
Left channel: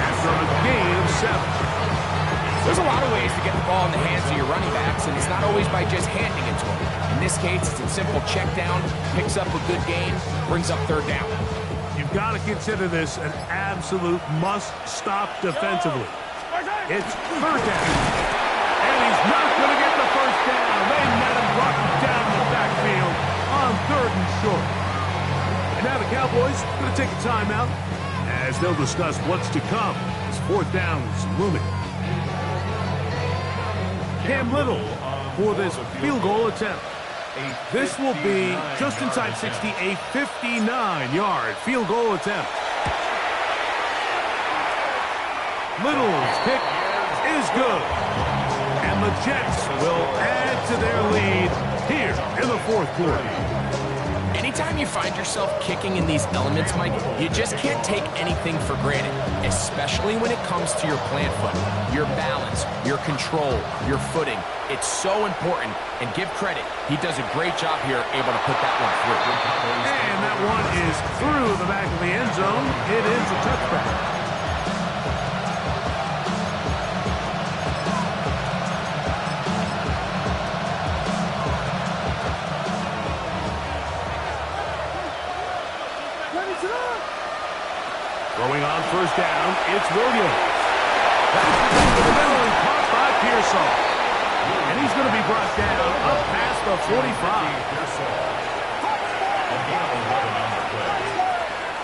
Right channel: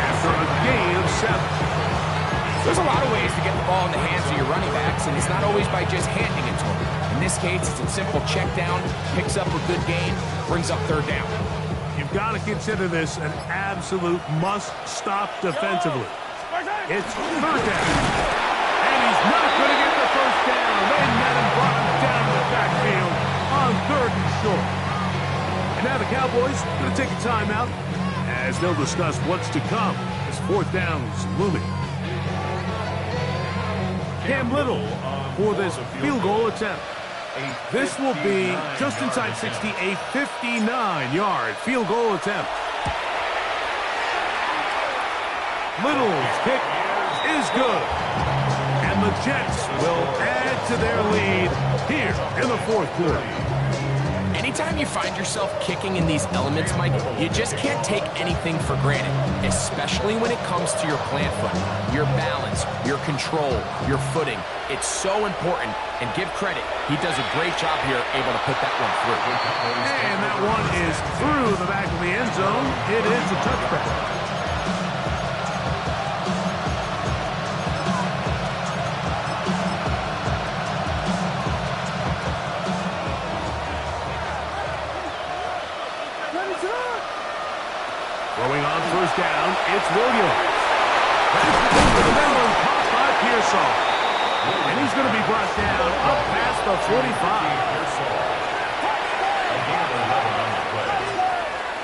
after a gain of 7. There's a lot of ways to get the ball in the hands of your running backs, and it's not always by just handing it to them. In this case, it's a simple check down, picks up a good gain, brings up third down. You've got to consider this an absolute must-stop defensively. It's third down. And he's not going to get the first down. They met him, brought him down in the backfield on third and short. And now the Cowboys going to take a timeout as they'll discuss what's to come as fourth down's looming. Cam Little for this field goal attempt. This will be just inside 60, a 59-yard field goal attempt. Little's kick is good. And the Jets will add to their lead here in the fourth quarter. Anytime you find yourself kicking in these elements, Mike, you just can't take anything for granted, especially when it comes to your plant foot, your balance, your control, your footing. It's so important, and give credit, he does a great job here able to put that one through. And that one is through the back of the end zone. It is a touchback. Throwing on first down, it's Williams. That's over the middle and caught by Pearsall. And he's going to be brought down up past the 45.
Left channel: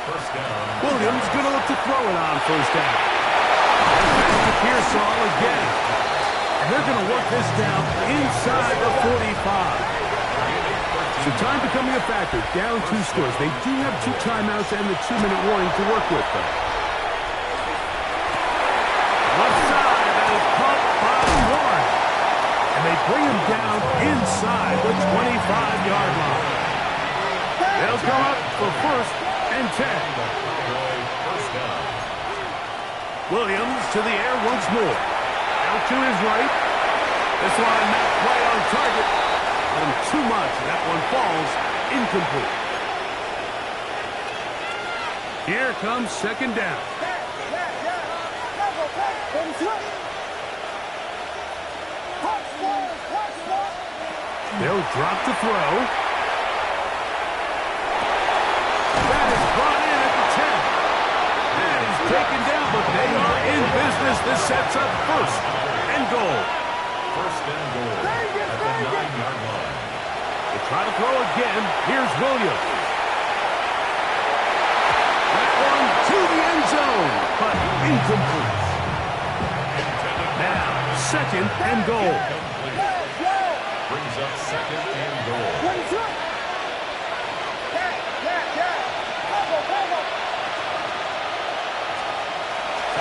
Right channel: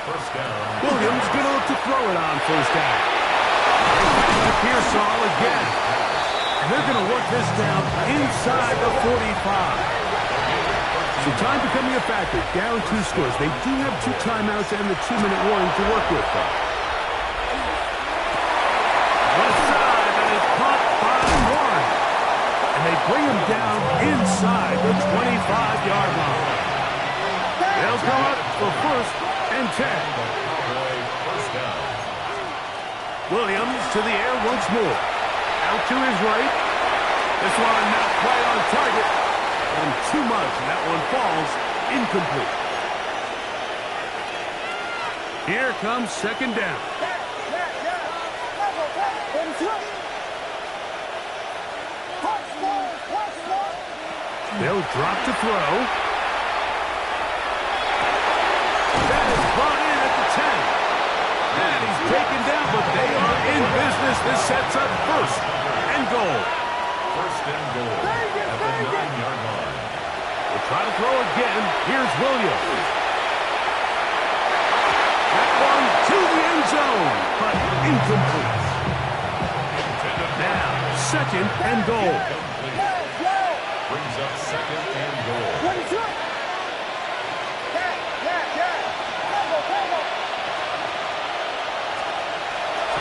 First down. Williams going to look to throw it on first down. And back to Pearsall again. And they're going to work this down inside the 45. So time becoming a factor, down 2 scores. They do have 2 timeouts and the 2-minute warning to work with, though. Left side, that is caught by Warren. And they bring him down inside the 25-yard line. They'll come up for first and 10. First down. Williams to the air once more. Out to his right. This one not quite on target. Him too much, and that one falls incomplete. Here comes second down. They'll drop to throw. That is brought in at the 10. And he's taken down, but they are in business. This sets up first and goal. First and goal at the 9-yard line. We'll try to throw again. Here's Williams. That one to the end zone, but incomplete. Now, second and goal. Brings up second and goal.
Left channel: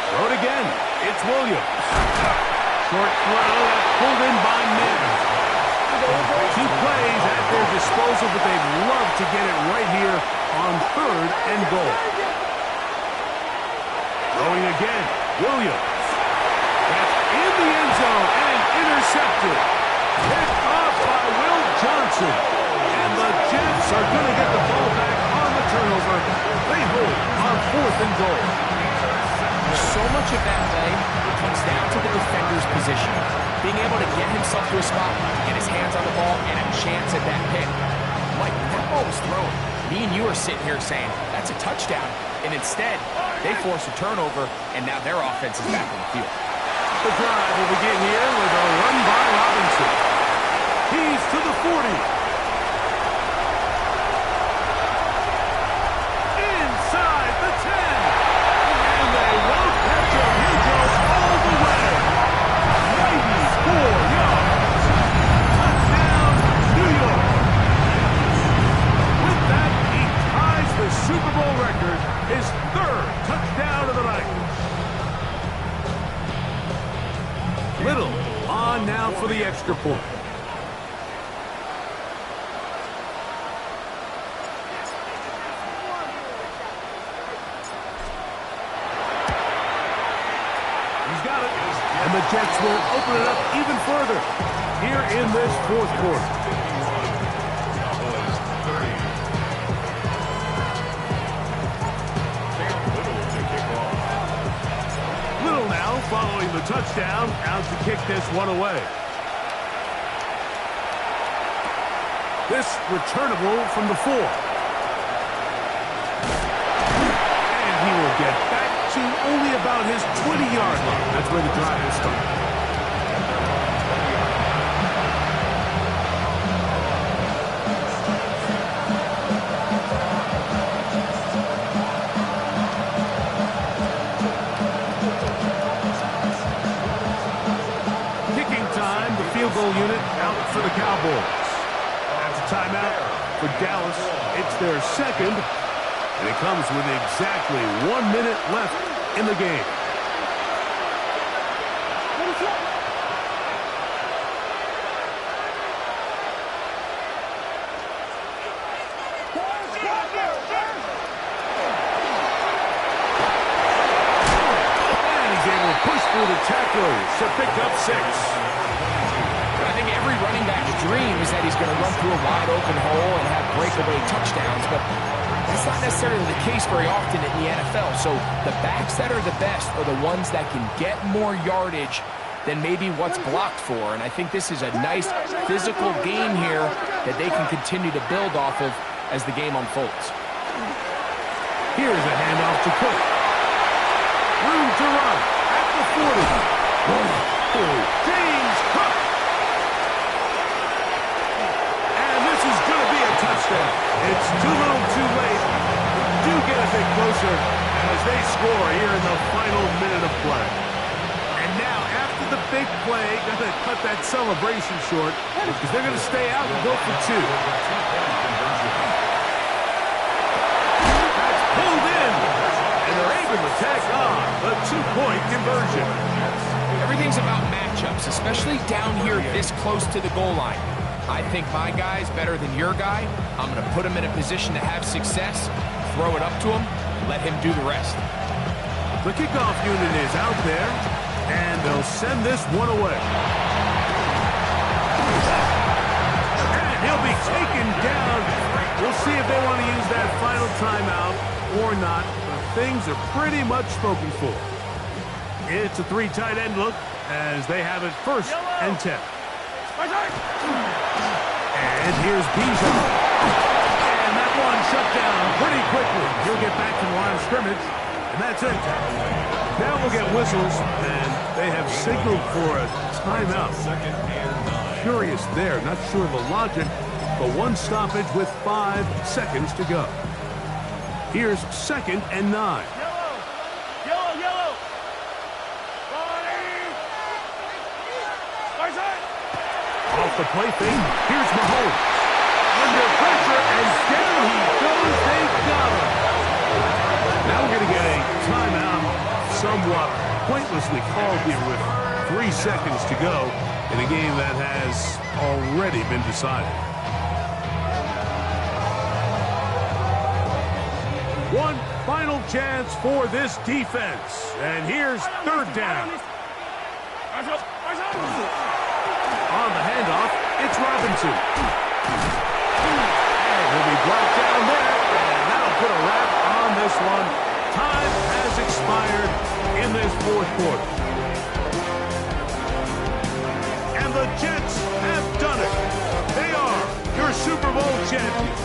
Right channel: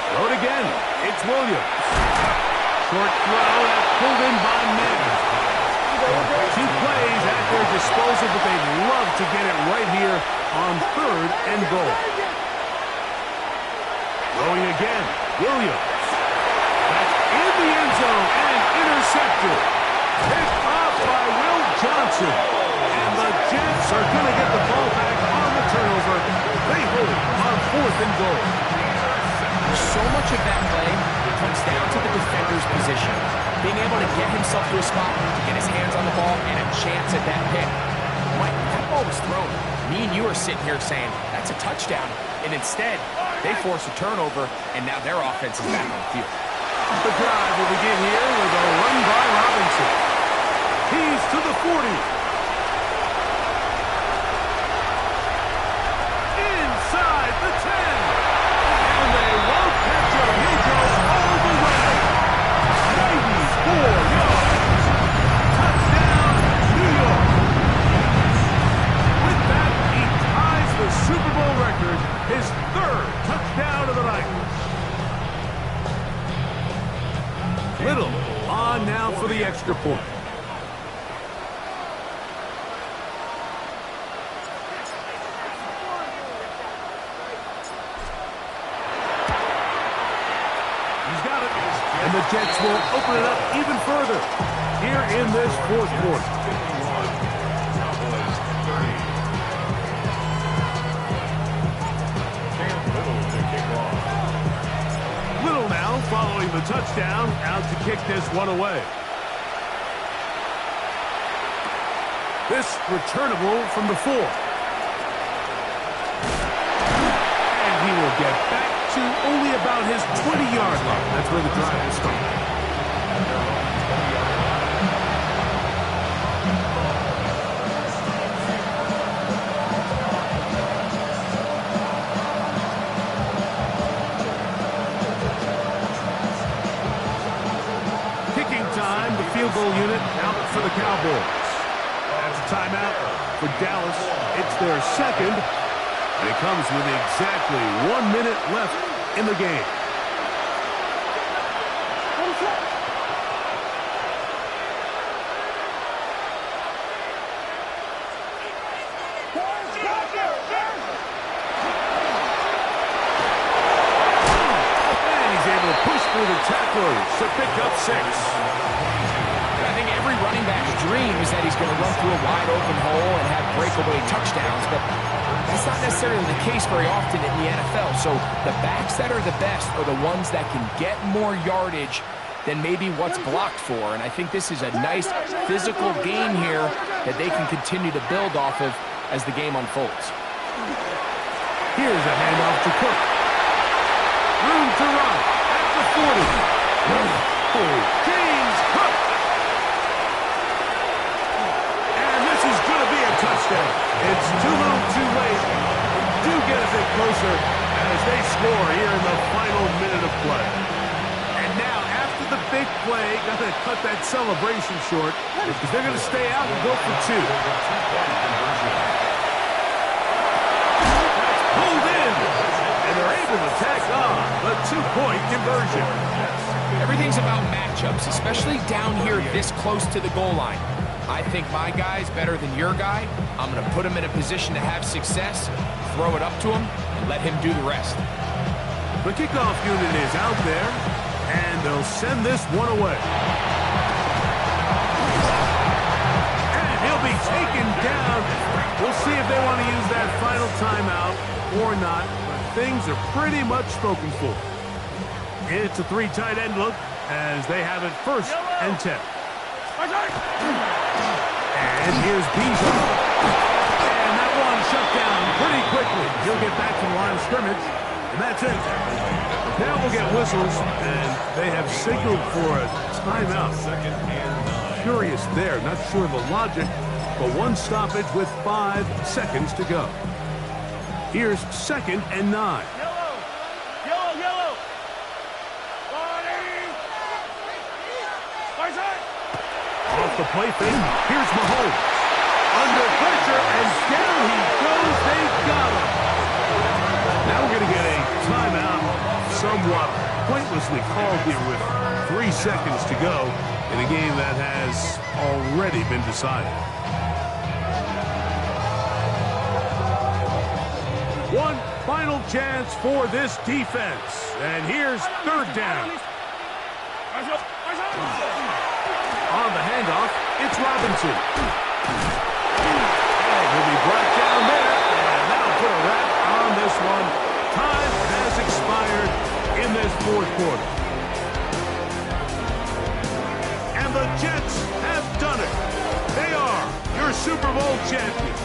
Throw it again. It's Williams. Short throw that's pulled in by Mims. 2 plays at their disposal, but they'd love to get it right here on third and goal. Throwing again, Williams. That's in the end zone and intercepted. Picked off by Will Johnson. And the Jets are going to get the ball back on the turnover. They hold on fourth and goal. So much of that play comes down to the defender's position. Being able to get himself to a spot, to get his hands on the ball, and a chance at that pick. Mike, that ball was thrown. Me and you are sitting here saying, that's a touchdown. And instead, they force a turnover, and now their offense is back on the field. The drive will begin here with a run by Robinson. He's to the 40. Inside the 10. And they won't catch him. He goes all the way. 94 yards. Touchdown, New York. With that, he ties the Super Bowl record, his 3rd touchdown of the night. Little on now for the extra point. He's got it. And the Jets will open it up even further here in this fourth quarter. 51. Cowboys 30. Cam Little to kick off. Little now go following the touchdown, out to kick this one away. This returnable from the 4. And he will get back to only about his 20-yard line. That's where the drive will start. At their own 20-yard line. Kicking time, the field goal unit out for the Cowboys. That's a timeout for Dallas. It's their second, and it comes with exactly 1 minute left in the game. And he's able to push through the tacklers to pick up 6. I think every running back's dream is that he's going to run through a wide open hole and have breakaway touchdowns, but that's not necessarily the case very often in the NFL. So the backs that are the best are the ones that can get more yardage than maybe what's blocked for. And I think this is a nice physical game here that they can continue to build off of as the game unfolds. Here's a handoff to Cook. Room to run at the 40. James Cook. And this is going to be a touchdown. It's too little too late. Do get a bit closer as they score here in the final minute of play. And now, after the big play, got to cut that celebration short because they're going to stay out and go for 2. That's pulled in. And they're able to tack on the 2-point conversion. Everything's about matchups, especially down here this close to the goal line. I think my guy's better than your guy. I'm going to put him in a position to have success, throw it up to him, and let him do the rest. The kickoff unit is out there, and they'll send this one away. And he'll be taken down. We'll see if they want to use that final timeout or not, but things are pretty much spoken for. It's a 3 tight end look as they have it 1st and 10. And here's Bijan. And that one shut down pretty quickly. He'll get back to the line of scrimmage, and that's it. Now we'll get whistles, and they have signaled for a timeout. Curious there, not sure of the logic, but one stoppage with 5 seconds to go. Here's 2nd and 9. Yellow. Off the play fake, here's Mahomes. Under pressure, and down he goes. They got him. Now we're going to get a timeout, somewhat pointlessly called here with 3 seconds to go in a game that has already been decided. One final chance for this defense. And here's 3rd down. On the handoff, it's Robinson. And he'll be brought down there, and that'll put a wrap on this one. Time has expired in this 4th quarter. And the Jets have done it. They are your Super Bowl champions.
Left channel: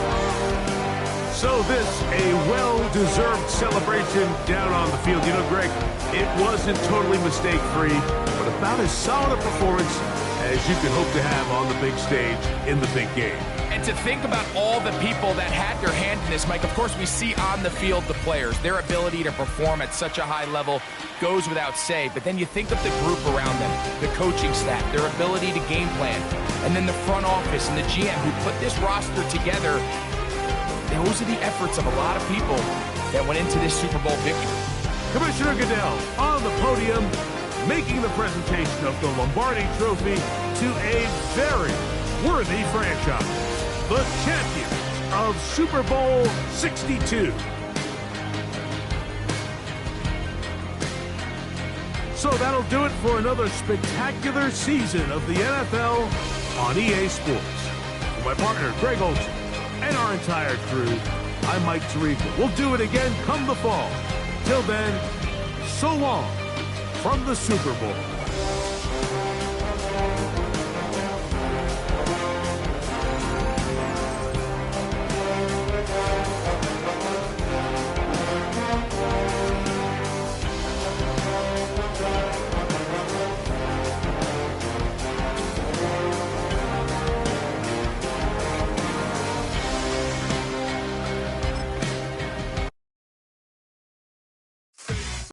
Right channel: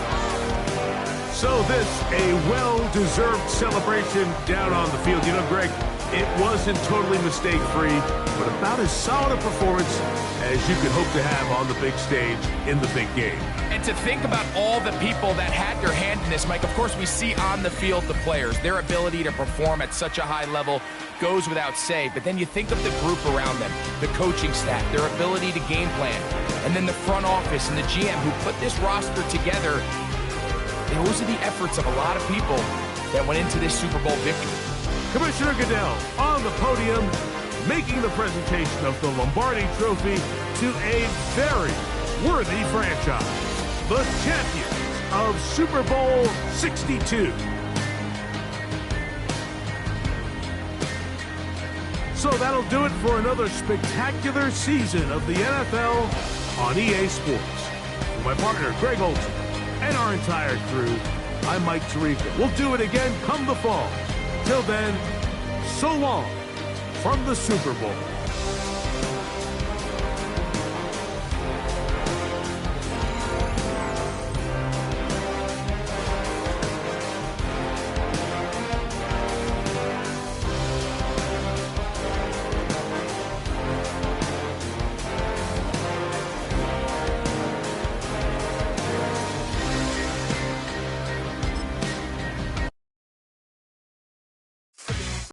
So this, a well-deserved celebration down on the field. You know, Greg, it wasn't totally mistake-free, but about as solid a performance as you could hope to have on the big stage in the big game. And to think about all the people that had their hand in this, Mike, of course we see on the field the players. Their ability to perform at such a high level goes without say. But then you think of the group around them, the coaching staff, their ability to game plan, and then the front office and the GM who put this roster together. Those are the efforts of a lot of people that went into this Super Bowl victory. Commissioner Goodell on the podium, making the presentation of the Lombardi Trophy to a very worthy franchise, the champions of Super Bowl 62. So that'll do it for another spectacular season of the NFL on EA Sports. For my partner, Greg Olson, and our entire crew, I'm Mike Tirico. We'll do it again come the fall. Till then, so long from the Super Bowl.